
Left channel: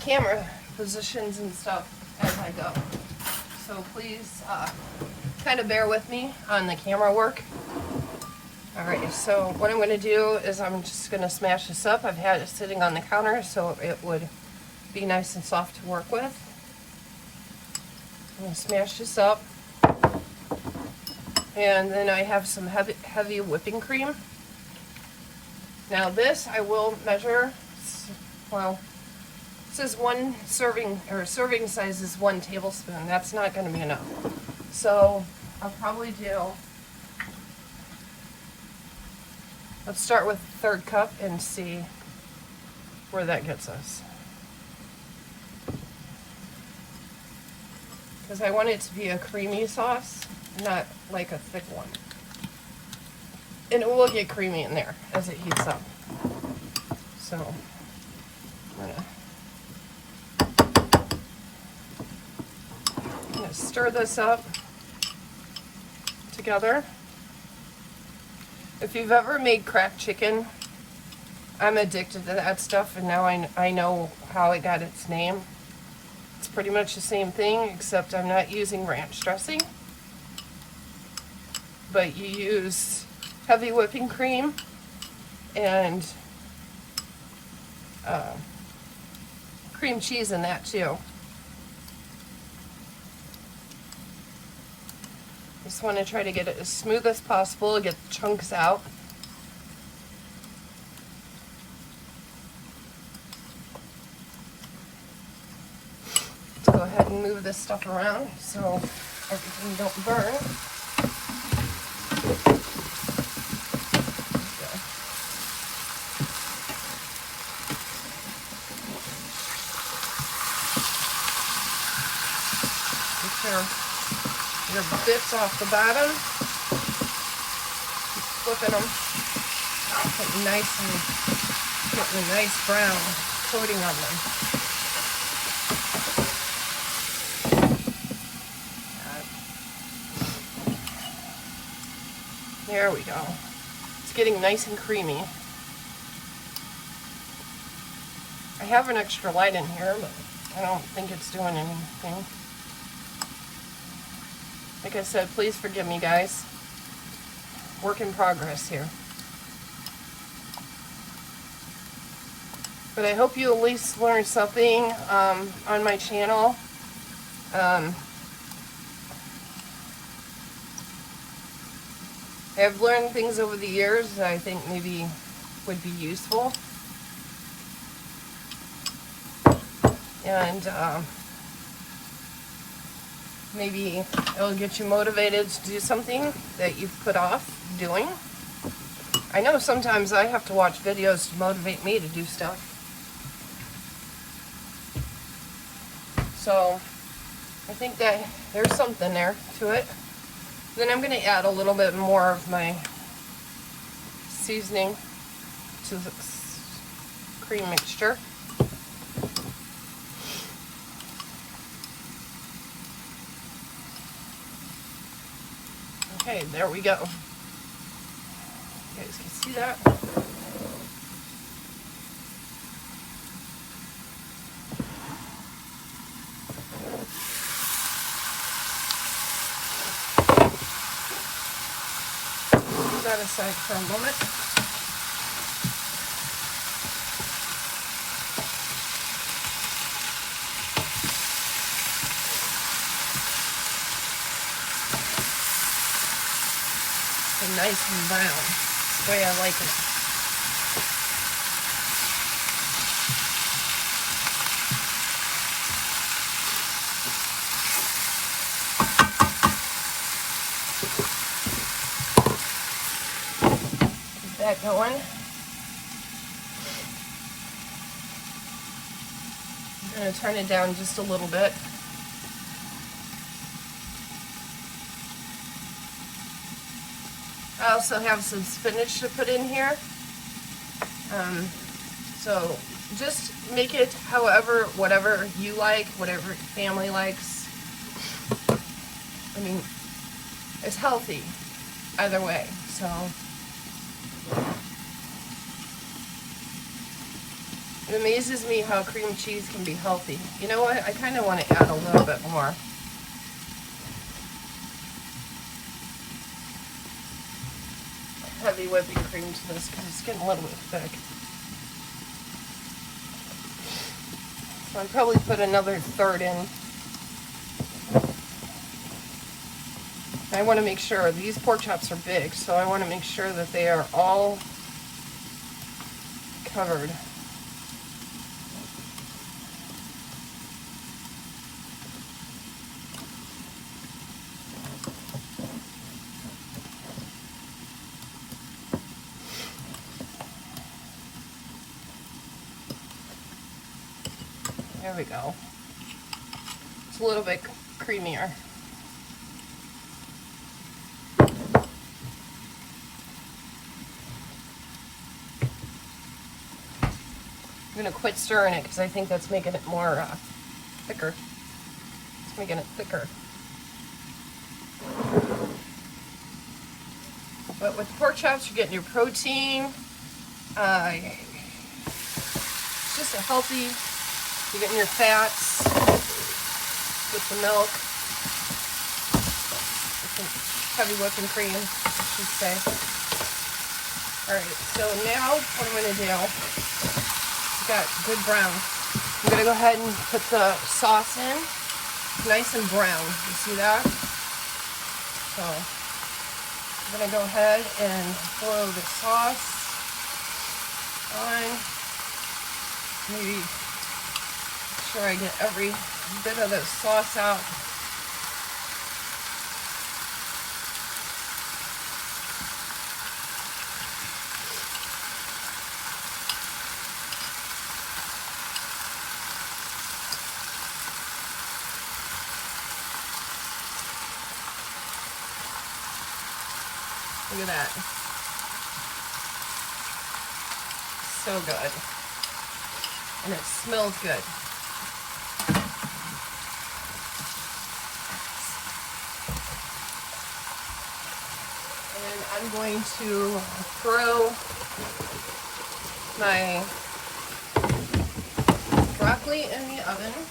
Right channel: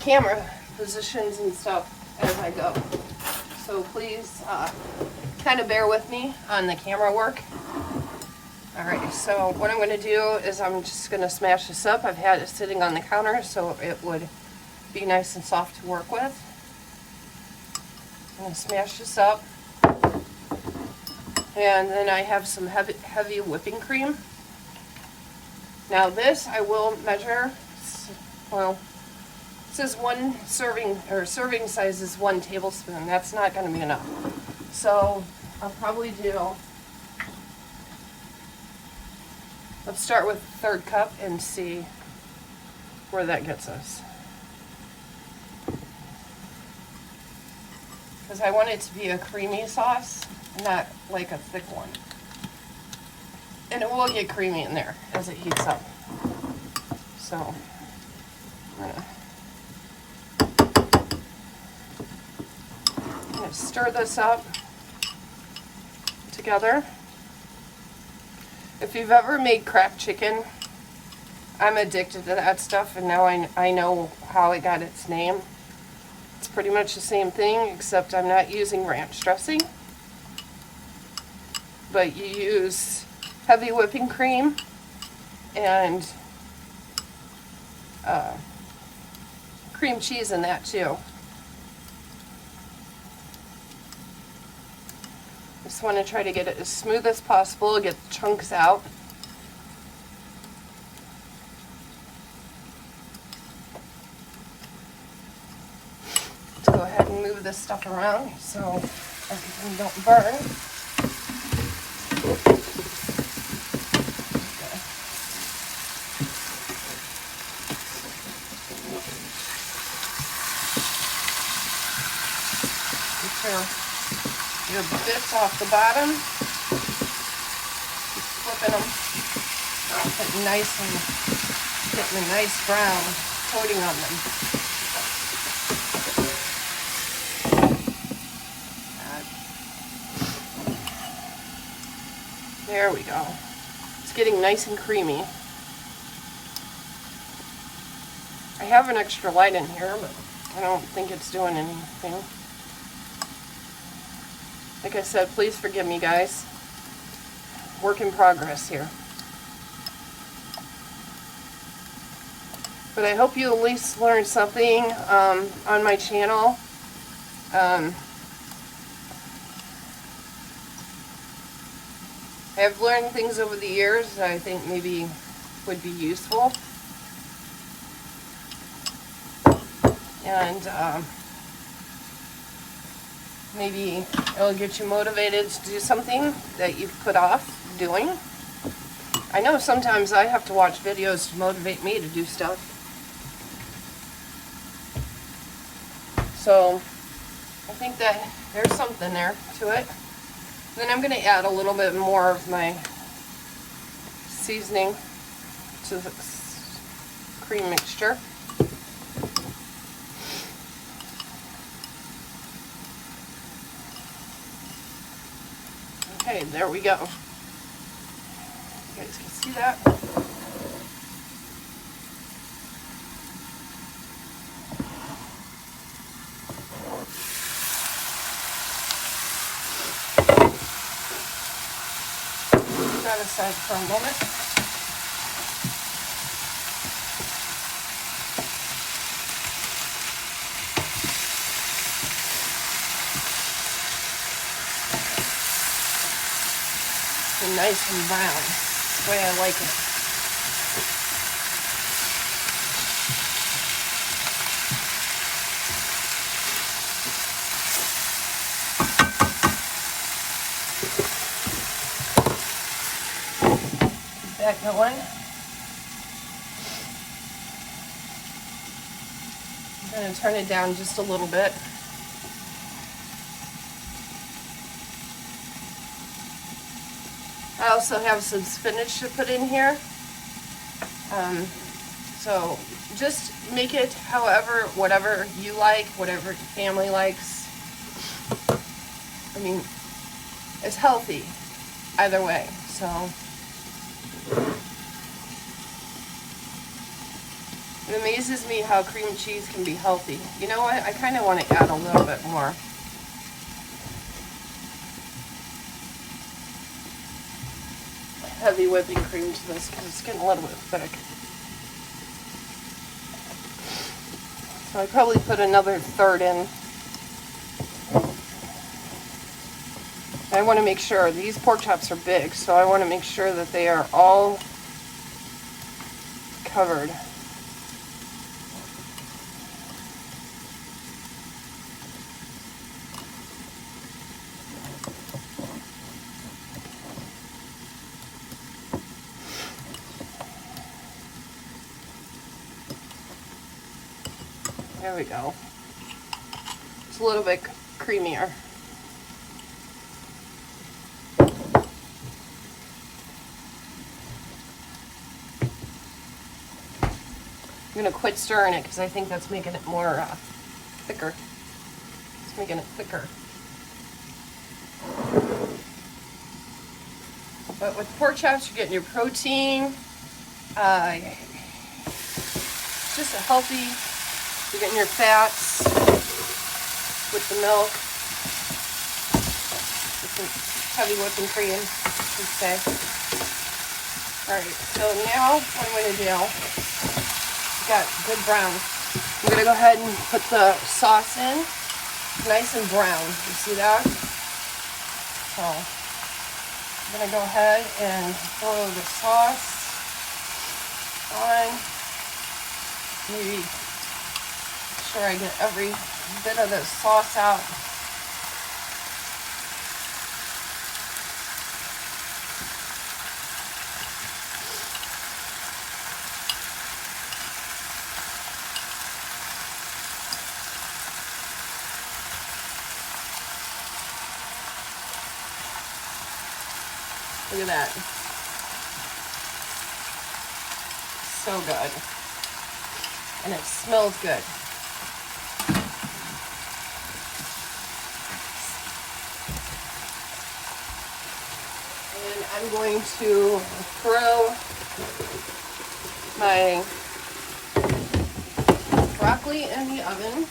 camera positions and stuff as I go. So please kind of bear with me on the camera work. Alright, so what I'm going to do is I'm just going to smash this up. I've had it sitting on the counter so it would be nice and soft to work with. I'm going to smash this up. And then I have some heavy whipping cream. Now this I will measure, well, it says one serving, or serving size is 1 tablespoon. That's not going to be enough. So I'll probably do, let's start with the 1/3 cup and see where that gets us. Because I want it to be a creamy sauce, not like a thick one. And it will get creamy in there as it heats up. So, yeah. I'm going to stir this up together. If you've ever made cracked chicken, I'm addicted to that stuff, and now I know how it got its name. It's pretty much the same thing, except I'm not using ranch dressing. But you use heavy whipping cream and cream cheese in that too. Just want to try to get it as smooth as possible, get the chunks out. Let's go ahead and move this stuff around so everything don't burn. Your bits off the bottom, flipping them, getting a nice brown coating on them. There we go. It's getting nice and creamy. I have an extra light in here, but I don't think it's doing anything. Like I said, please forgive me, guys. Work in progress here. But I hope you at least learned something on my channel. I've learned things over the years that I think maybe would be useful. And maybe it'll get you motivated to do something that you've put off doing. I know sometimes I have to watch videos to motivate me to do stuff. So I think that there's something there to it. Then I'm going to add a little bit more of my seasoning to the cream mixture. Okay, there we go. See that? Put that aside for a moment. It's nice and brown. That's the way I like it. That going. I'm going to turn it down just a little bit. I also have some spinach to put in here. So just make it however, whatever you like, whatever your family likes. I mean, it's healthy either way, so. It amazes me how cream cheese can be healthy. You know what? I kind of want to add a little bit more. Heavy whipping cream to this because it's getting a little bit thick. So I probably put another third in. I want to make sure, these pork chops are big, so I want to make sure that they are all covered. There we go. It's a little bit creamier. I'm going to quit stirring it because I think that's making it more thicker. It's making it thicker. But with pork chops, you're getting your protein. Just a healthy. You're getting your fats with the milk, with the heavy whipping cream, I should say. Alright, so now what I'm going to do, got good brown. I'm going to go ahead and put the sauce in, nice and brown. You see that? So, I'm going to go ahead and pour the sauce on. Maybe sure I get every bit of the sauce out. Look at that. So good. And it smells good. I'm going to throw my broccoli in the oven.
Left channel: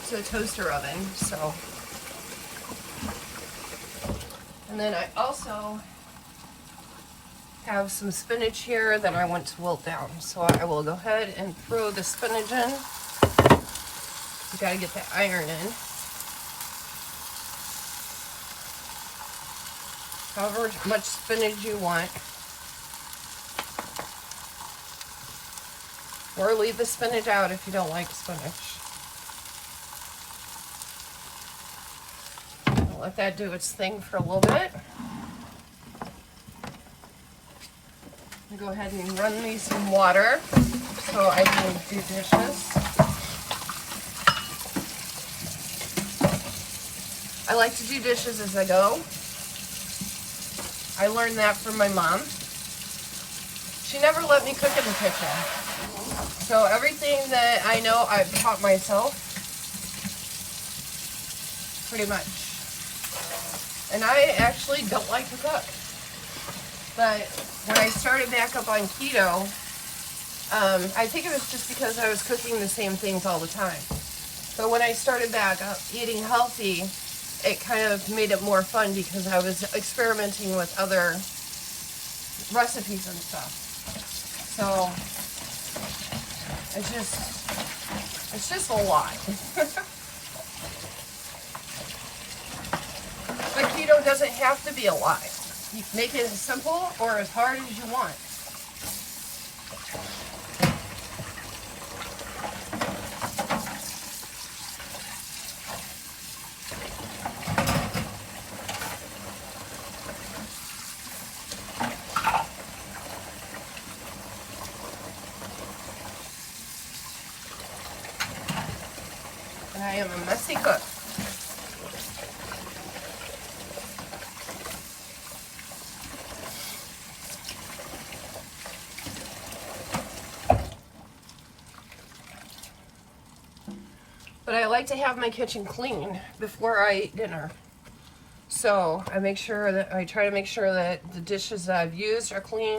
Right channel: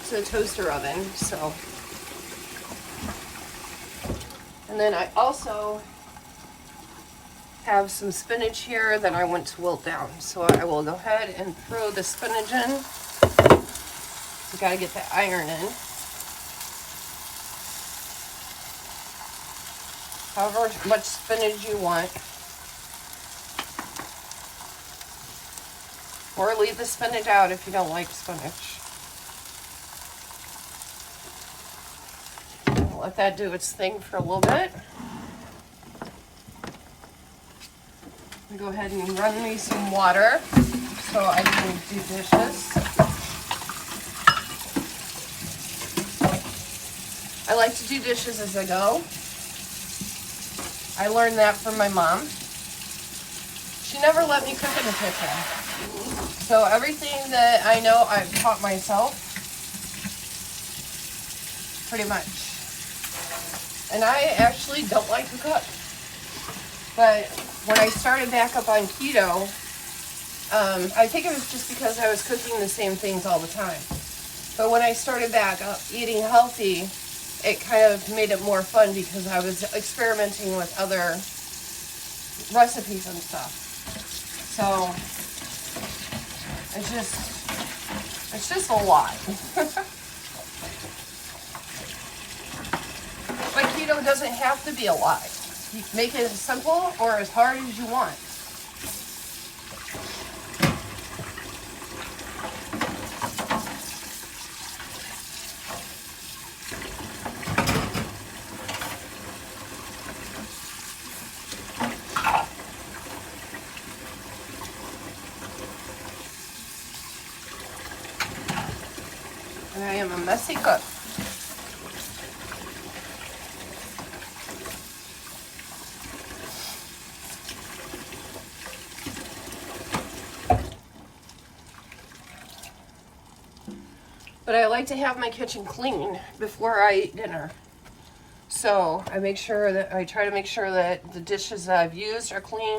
It's a toaster oven, so. And then I also have some spinach here that I want to wilt down. So I will go ahead and throw the spinach in. You gotta get that iron in. However much spinach you want. Or leave the spinach out if you don't like spinach. I'll let that do its thing for a little bit. I'm gonna go ahead and run me some water so I can do dishes. I like to do dishes as I go. I learned that from my mom. She never let me cook in the kitchen. So everything that I know, I've taught myself. pretty much. And I actually don't like to cook. But when I started back up on keto, I think it was just because I was cooking the same things all the time. But when I started back up eating healthy, it kind of made it more fun because I was experimenting with other recipes and stuff. So it's just a lot. But keto doesn't have to be a lot. You can make it as simple or as hard as you want. And I am a messy cook. But I like to have my kitchen clean before I eat dinner. So I try to make sure that the dishes that I've used are clean,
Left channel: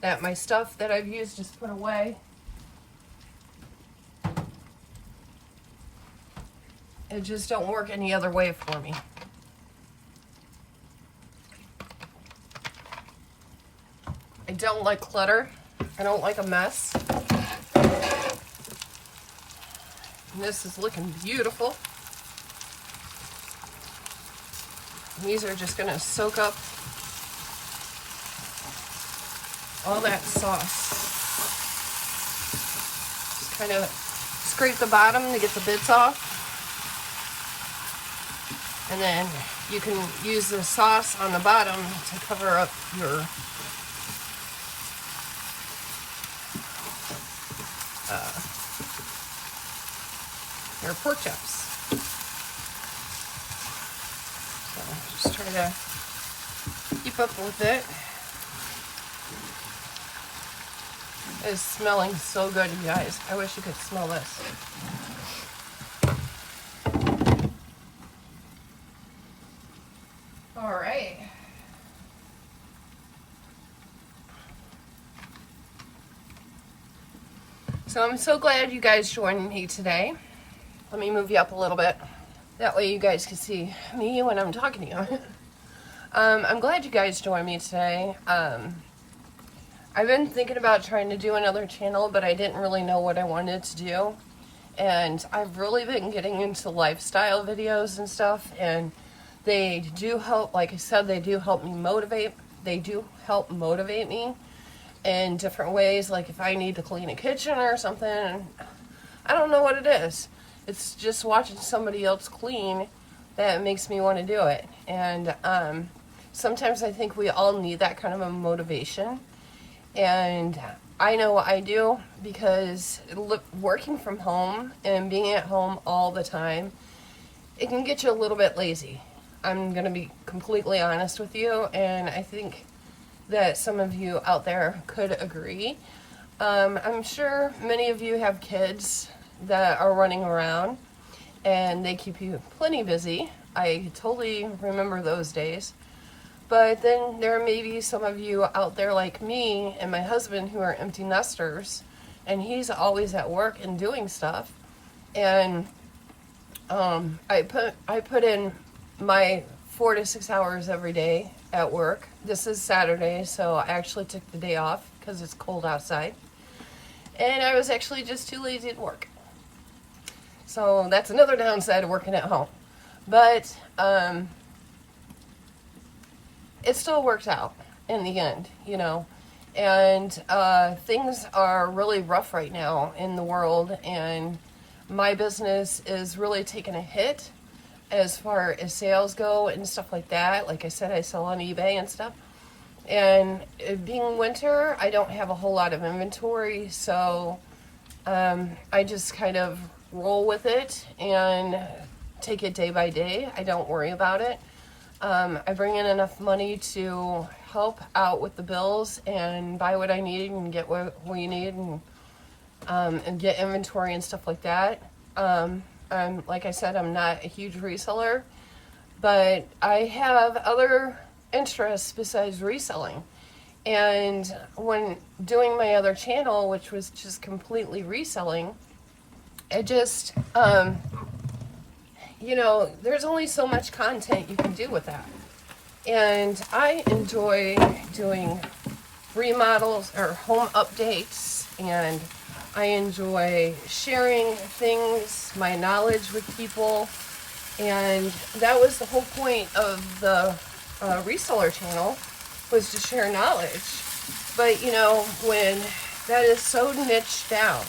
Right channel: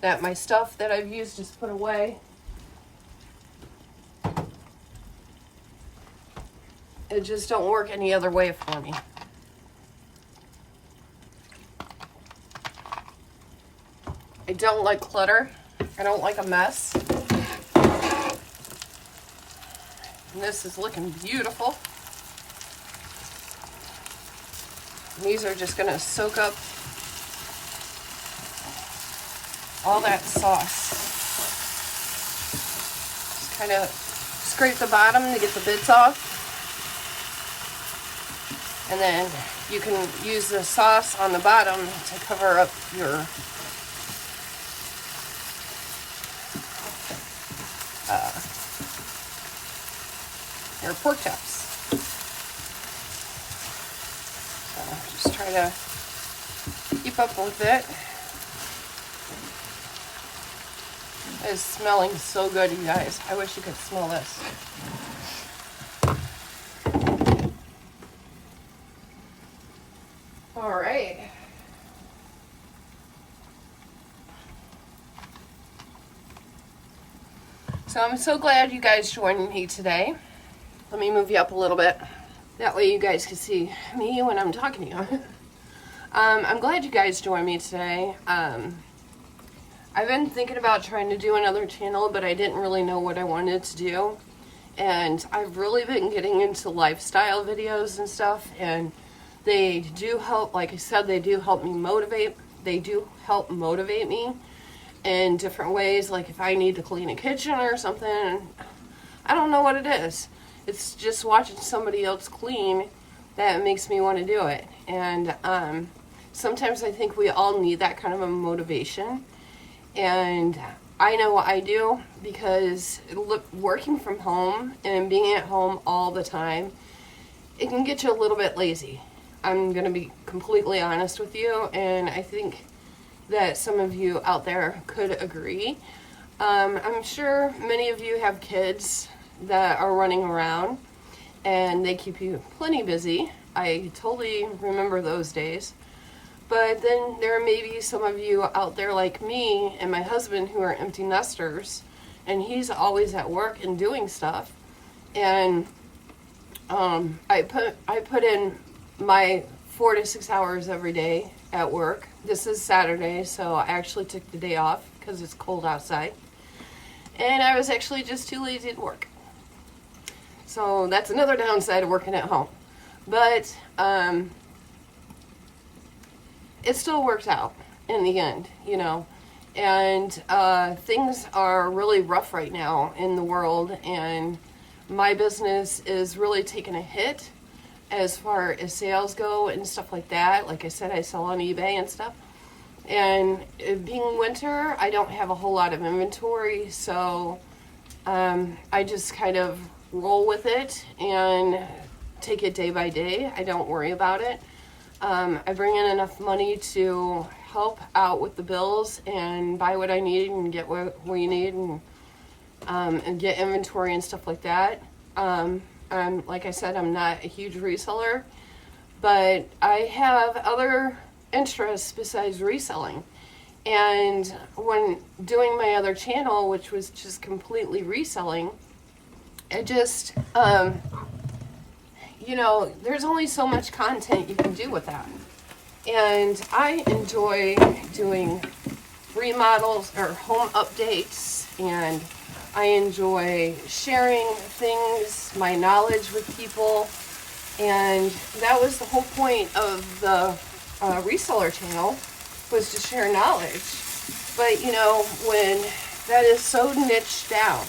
that my stuff that I've used is put away. It just don't work any other way for me. I don't like clutter. I don't like a mess. And this is looking beautiful. And these are just gonna soak up all that sauce. Just kind of scrape the bottom to get the bits off. And then you can use the sauce on the bottom to cover up your pork chops. So just trying to keep up with it. It is smelling so good, you guys. I wish you could smell this. All right. So I'm so glad you guys joined me today. Let me move you up a little bit. That way you guys can see me when I'm talking to you. I'm glad you guys joined me today. I've been thinking about trying to do another channel, but I didn't really know what I wanted to do. And I've really been getting into lifestyle videos and stuff, and they do help, like I said, they do help me motivate. They do help motivate me in different ways, like if I need to clean a kitchen or something. I don't know what it is. It's just watching somebody else clean that makes me want to do it. And sometimes I think we all need that kind of a motivation. And I know I do, because working from home and being at home all the time, it can get you a little bit lazy. I'm going to be completely honest with you, and I think that some of you out there could agree. I'm sure many of you have kids that are running around, and they keep you plenty busy. I totally remember those days. But then there may be some of you out there like me and my husband who are empty nesters, and he's always at work and doing stuff. And I put in my 4 to 6 hours every day at work. This is Saturday, so I actually took the day off because it's cold outside. And I was actually just too lazy to work. So that's another downside of working at home. But it still worked out in the end, you know. And things are really rough right now in the world, and my business is really taking a hit as far as sales go and stuff like that. Like I said, I sell on eBay and stuff. And it being winter, I don't have a whole lot of inventory, so I just kind of roll with it and take it day by day. I don't worry about it. I bring in enough money to help out with the bills and buy what I need and get what we need, and get inventory and stuff like that. Like I said, I'm not a huge reseller, but I have other interests besides reselling. And when doing my other channel, which was just completely reselling, it just, you know, there's only so much content you can do with that. And I enjoy doing remodels or home updates, and I enjoy sharing things, my knowledge with people. And that was the whole point of the reseller channel, was to share knowledge. But you know, when that is so niched down,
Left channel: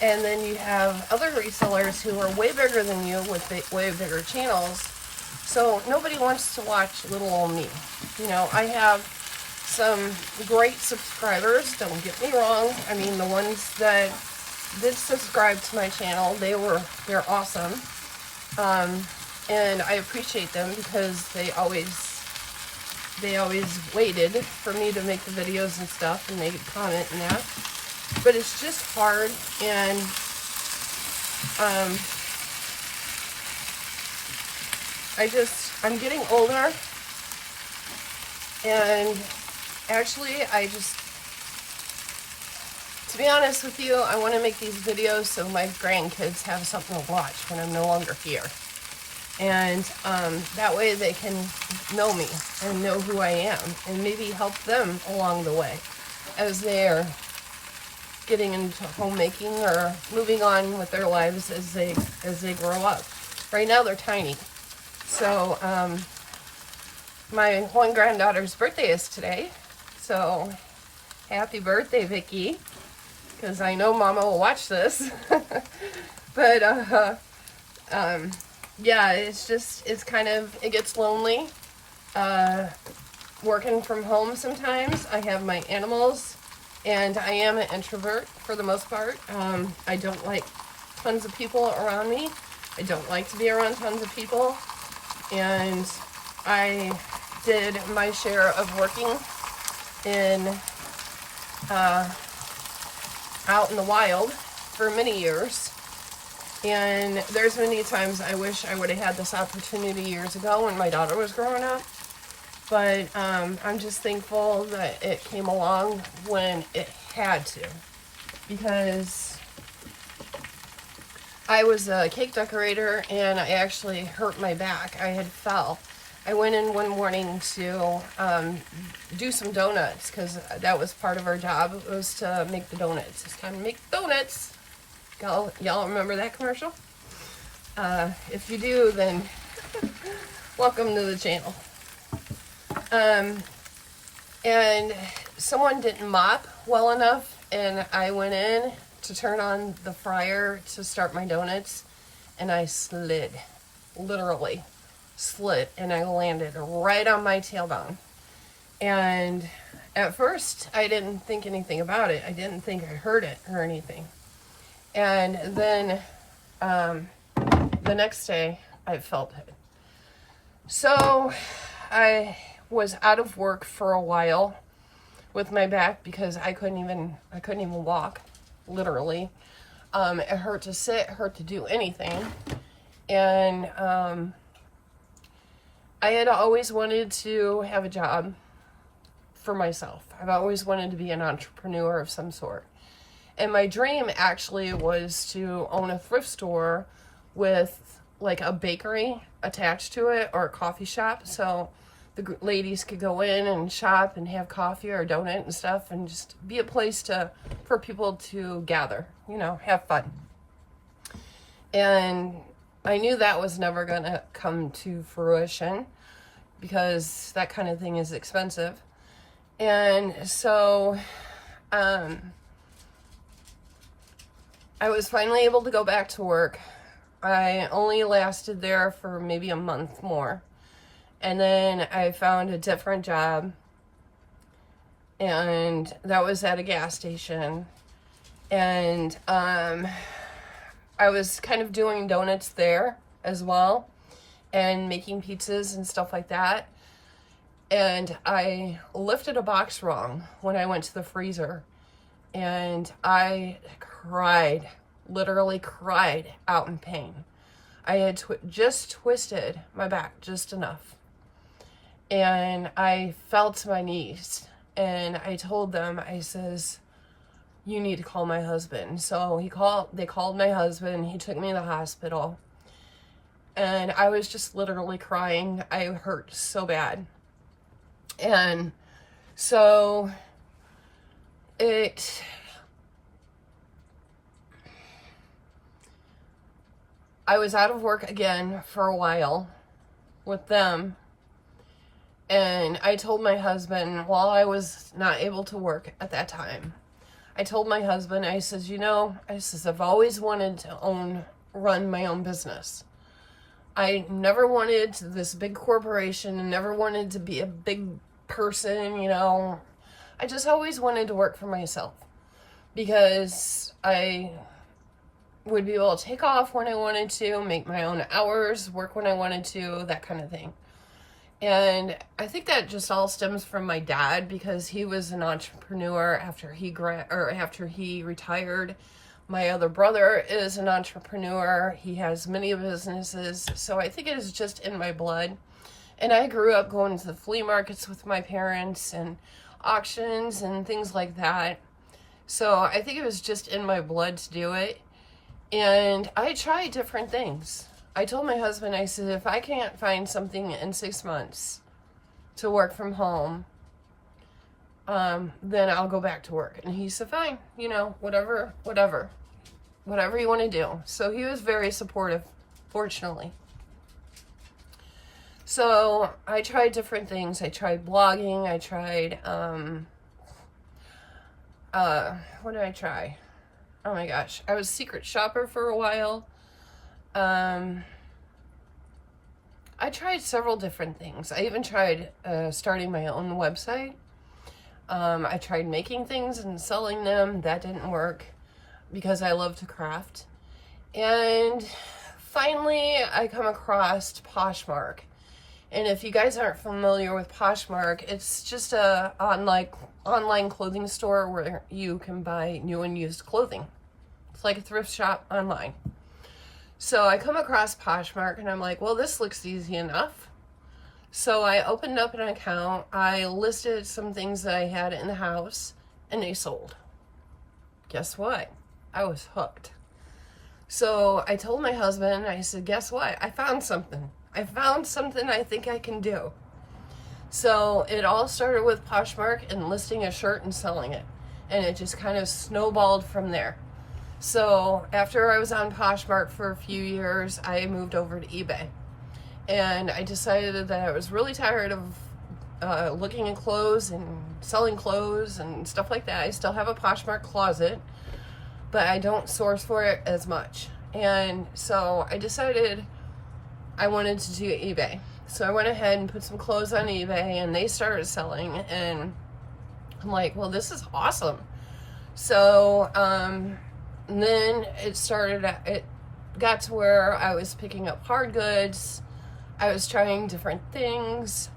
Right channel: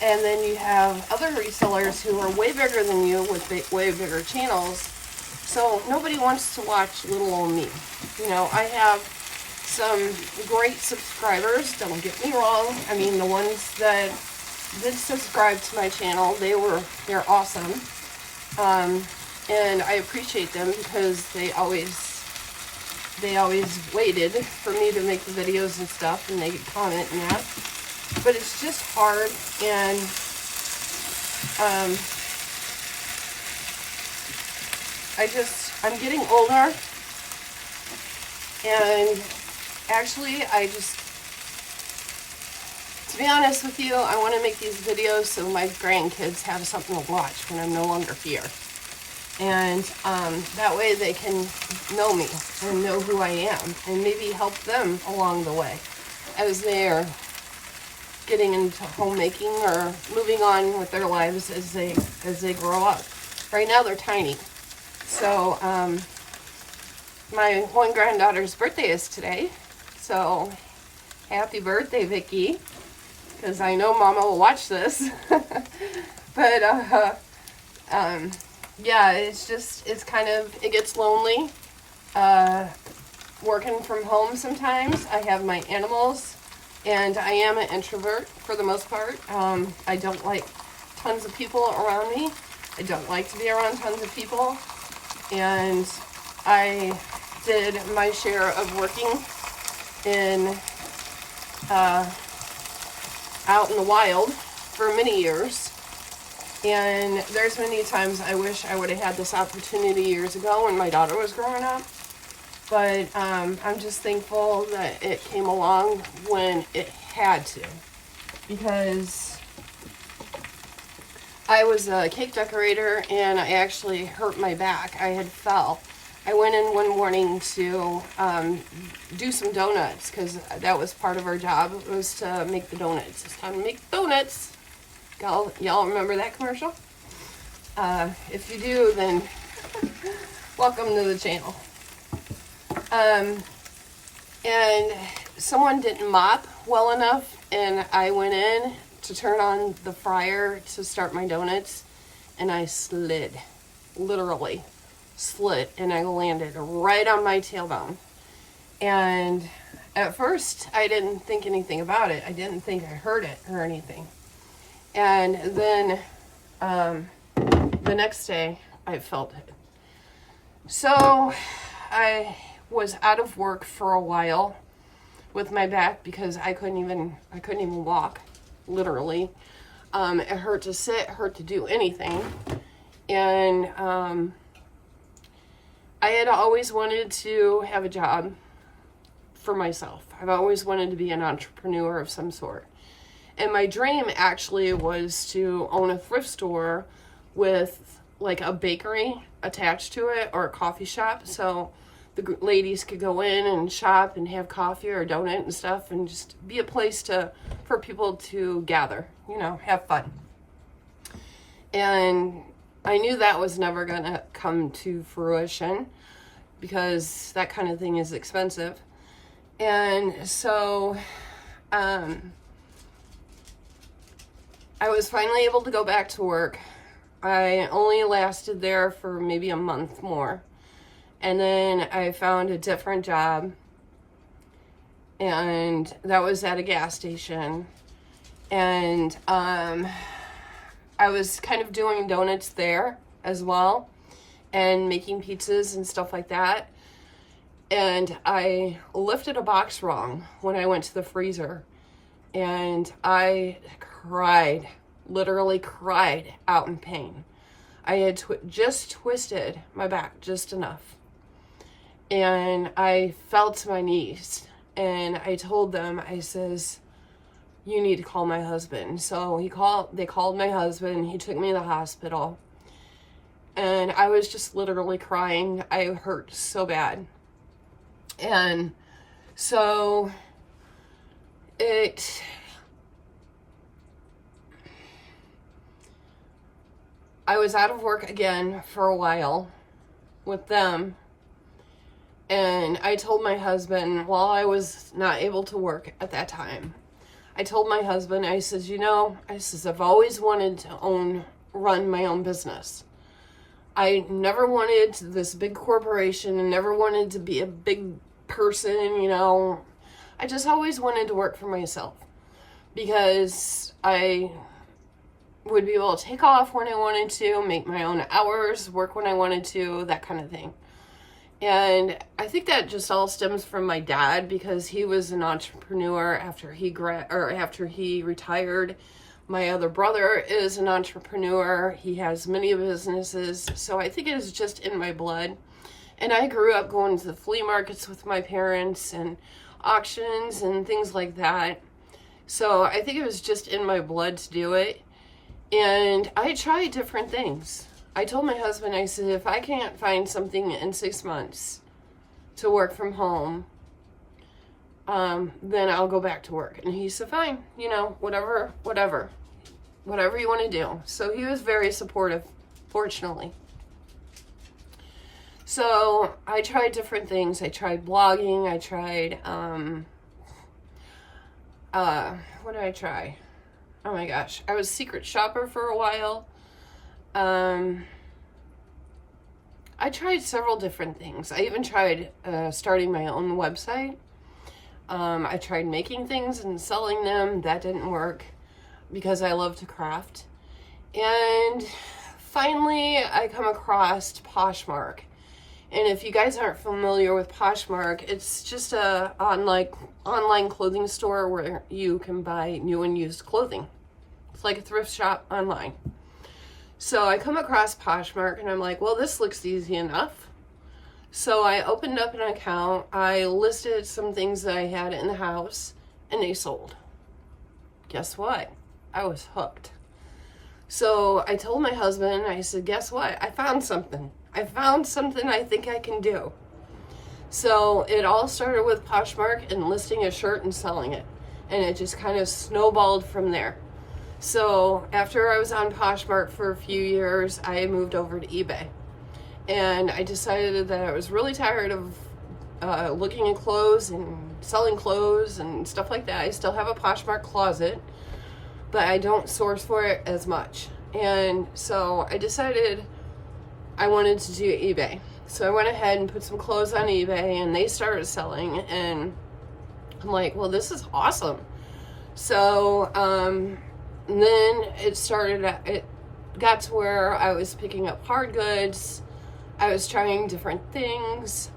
and then you have other resellers who are way bigger than you with way bigger channels, so nobody wants to watch little old me. You know, I have some great subscribers, don't get me wrong. I mean, the ones that did subscribe to my channel, they're awesome. And I appreciate them because they always waited for me to make the videos and stuff, and they comment and that. But it's just hard, and I'm getting older, and actually to be honest with you, I want to make these videos so my grandkids have something to watch when I'm no longer here. And that way they can know me and know who I am, and maybe help them along the way as they're getting into homemaking or moving on with their lives as they grow up. Right now they're tiny. So my one granddaughter's birthday is today. So happy birthday, Vicky, because I know Mama will watch this. But yeah, it gets lonely working from home sometimes. I have my animals, and I am an introvert for the most part. I don't like tons of people around me. I don't like to be around tons of people. And I did my share of working in out in the wild for many years. And there's many times I wish I would have had this opportunity years ago when my daughter was growing up. But I'm just thankful that it came along when it had to. Because I was a cake decorator, and I actually hurt my back. I had fell. I went in one morning to do some donuts, because that was part of our job, was to make the donuts. It's time to make donuts. Y'all remember that commercial? If you do, then welcome to the channel. And someone didn't mop well enough, and I went in to turn on the fryer to start my donuts, and I slid, literally slid, and I landed right on my tailbone. And at first, I didn't think anything about it. I didn't think I hurt it or anything. And then the next day, I felt it. So I was out of work for a while with my back because I couldn't even walk, literally. It hurt to sit, hurt to do anything. And I had always wanted to have a job for myself. I've always wanted to be an entrepreneur of some sort. And my dream actually was to own a thrift store with like a bakery attached to it, or a coffee shop, so the ladies could go in and shop and have coffee or donut and stuff, and just be a place for people to gather, have fun. And I knew that was never gonna come to fruition because that kind of thing is expensive. And so I was finally able to go back to work. I only lasted there for maybe a month more. And then I found a different job, and that was at a gas station. And I was kind of doing donuts there as well, and making pizzas and stuff like that. And I lifted a box wrong when I went to the freezer, and I cried, literally cried out in pain. I had just twisted my back just enough. And I fell to my knees. And I told them, I says, you need to call my husband. So they called my husband. He took me to the hospital. And I was just literally crying. I hurt so bad. And so I was out of work again for a while with them. And I told my husband, while I was not able to work at that time, I told my husband, I says, I've always wanted to run my own business. I never wanted this big corporation and never wanted to be a big person, I just always wanted to work for myself because I would be able to take off when I wanted to, make my own hours, work when I wanted to, that kind of thing. And I think that just all stems from my dad because he was an entrepreneur after he retired. My other brother is an entrepreneur. He has many businesses. So I think it is just in my blood. And I grew up going to the flea markets with my parents and auctions and things like that. So I think it was just in my blood to do it. And I tried different things. I told my husband, I said, if I can't find something in 6 months to work from home, then I'll go back to work. And he said, fine, whatever you want to do. So he was very supportive, fortunately. So I tried different things. I tried blogging. I tried, what did I try? Oh my gosh. I was a secret shopper for a while. I tried several different things. I even tried starting my own website. I tried making things and selling them. That didn't work because I love to craft. And finally, I come across Poshmark. And if you guys aren't familiar with Poshmark, it's just a online clothing store where you can buy new and used clothing. It's like a thrift shop online. So I come across Poshmark and I'm like, well, this looks easy enough. So I opened up an account. I listed some things that I had in the house and they sold. Guess what? I was hooked. So I told my husband, I said, guess what? I found something I think I can do. So it all started with Poshmark and listing a shirt and selling it. And it just kind of snowballed from there. So after I was on Poshmark for a few years, I moved over to eBay. And I decided that I was really tired of looking at clothes and selling clothes and stuff like that. I still have a Poshmark closet, but I don't source for it as much. And so I decided I wanted to do eBay. So I went ahead and put some clothes on eBay and they started selling. And I'm like, well, this is awesome. So, and then it got to where I was picking up hard goods. I was trying different things.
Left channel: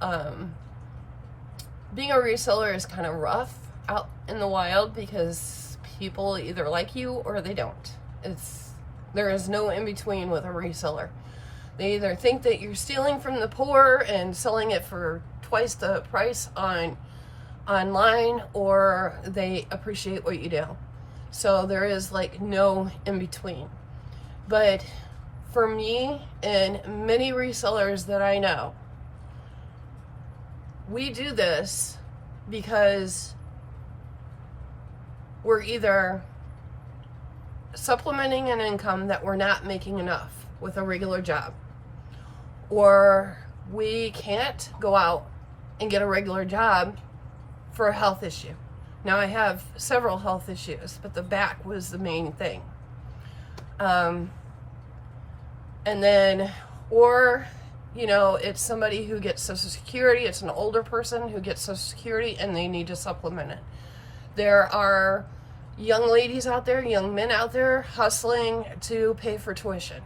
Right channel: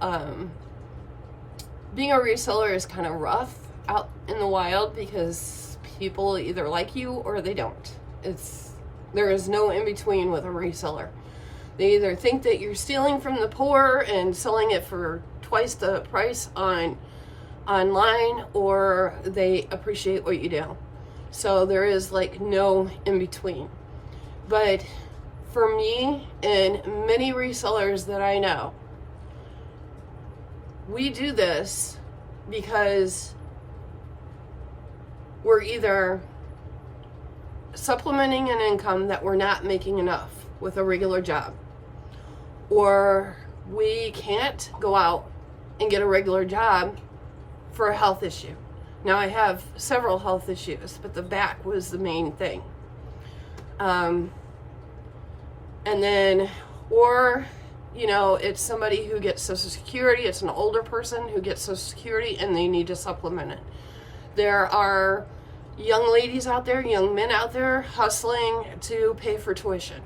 Being a reseller is kind of rough out in the wild because people either like you or they don't. There is no in between with a reseller. They either think that you're stealing from the poor and selling it for twice the price online, or they appreciate what you do. So there is no in between. But for me and many resellers that I know, we do this because we're either supplementing an income that we're not making enough with a regular job, or we can't go out and get a regular job for a health issue. Now I have several health issues, but the back was the main thing. And then, or, it's somebody who gets Social Security, it's an older person who gets Social Security and they need to supplement it. There are young ladies out there, young men out there hustling to pay for tuition.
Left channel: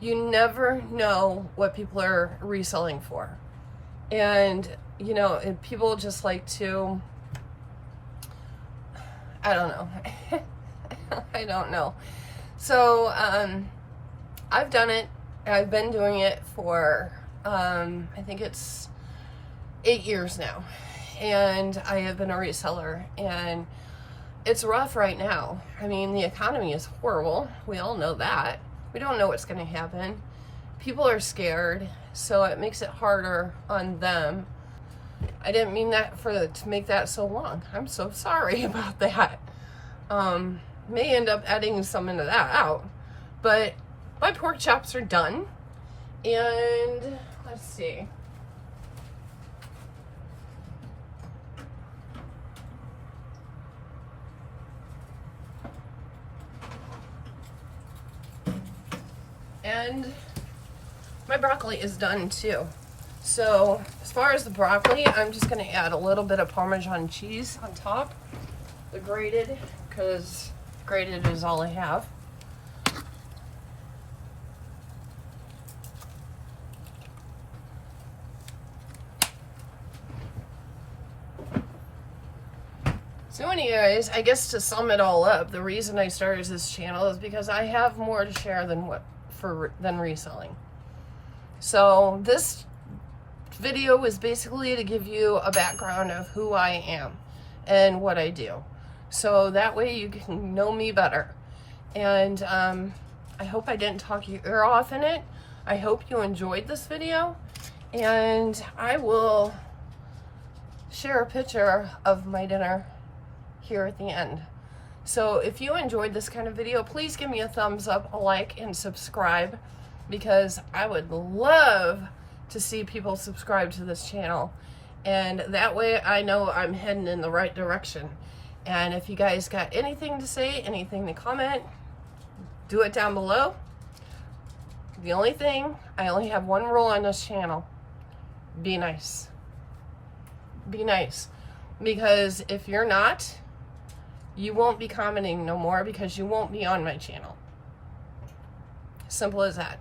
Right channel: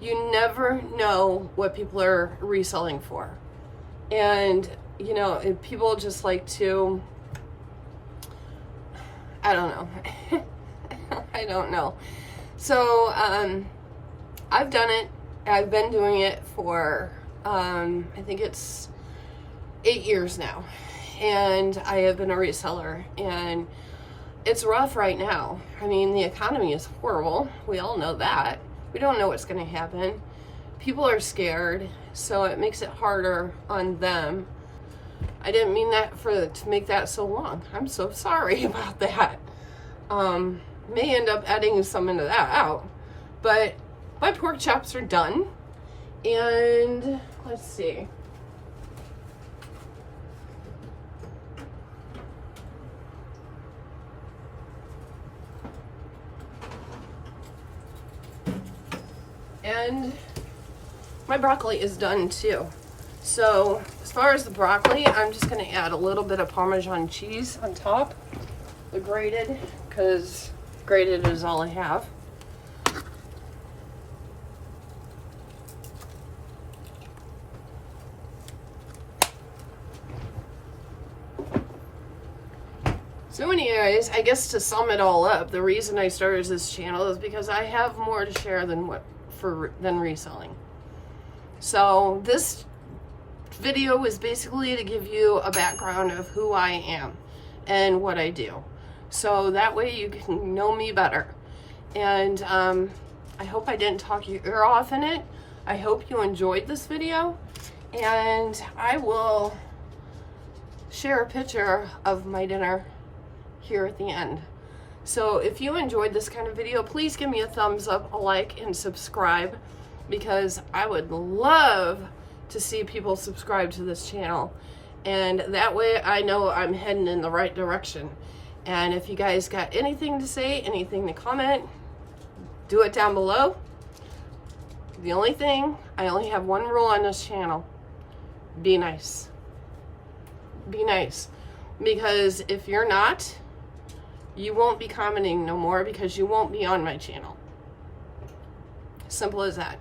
You never know what people are reselling for. And, people just like to, I don't know. I don't know. So, I've done it. I've been doing it for, I think it's 8 years now. And I have been a reseller, and it's rough right now. I mean, the economy is horrible. We all know that. We don't know what's going to happen. People are scared, so it makes it harder on them. I didn't mean that to make that so long. I'm so sorry about that. May end up editing some of that out. But my pork chops are done. And let's see. And my broccoli is done too. So as far as the broccoli, I'm just gonna add a little bit of Parmesan cheese on top, the grated, because grated is all I have. So anyways, I guess to sum it all up, the reason I started this channel is because I have more to share than reselling. So this video was basically to give you a background of who I am and what I do. So that way you can know me better. And I hope I didn't talk your ear off in it. I hope you enjoyed this video. And I will share a picture of my dinner here at the end. So if you enjoyed this kind of video, please give me a thumbs up, a like, and subscribe, because I would love to see people subscribe to this channel. And that way I know I'm heading in the right direction. And if you guys got anything to say, anything to comment, do it down below. The only thing, I only have one rule on this channel. Be nice. Be nice. Because if you're not, you won't be commenting no more, because you won't be on my channel. Simple as that.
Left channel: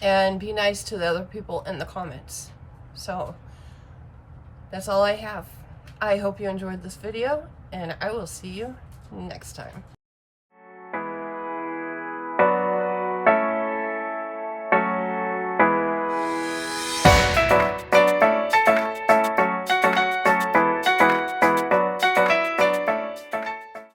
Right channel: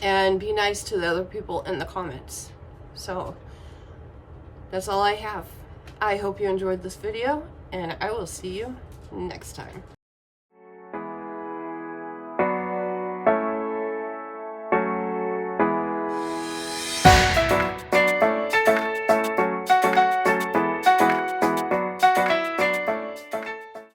And be nice to the other people in the comments. So that's all I have. I hope you enjoyed this video, and I will see you next time.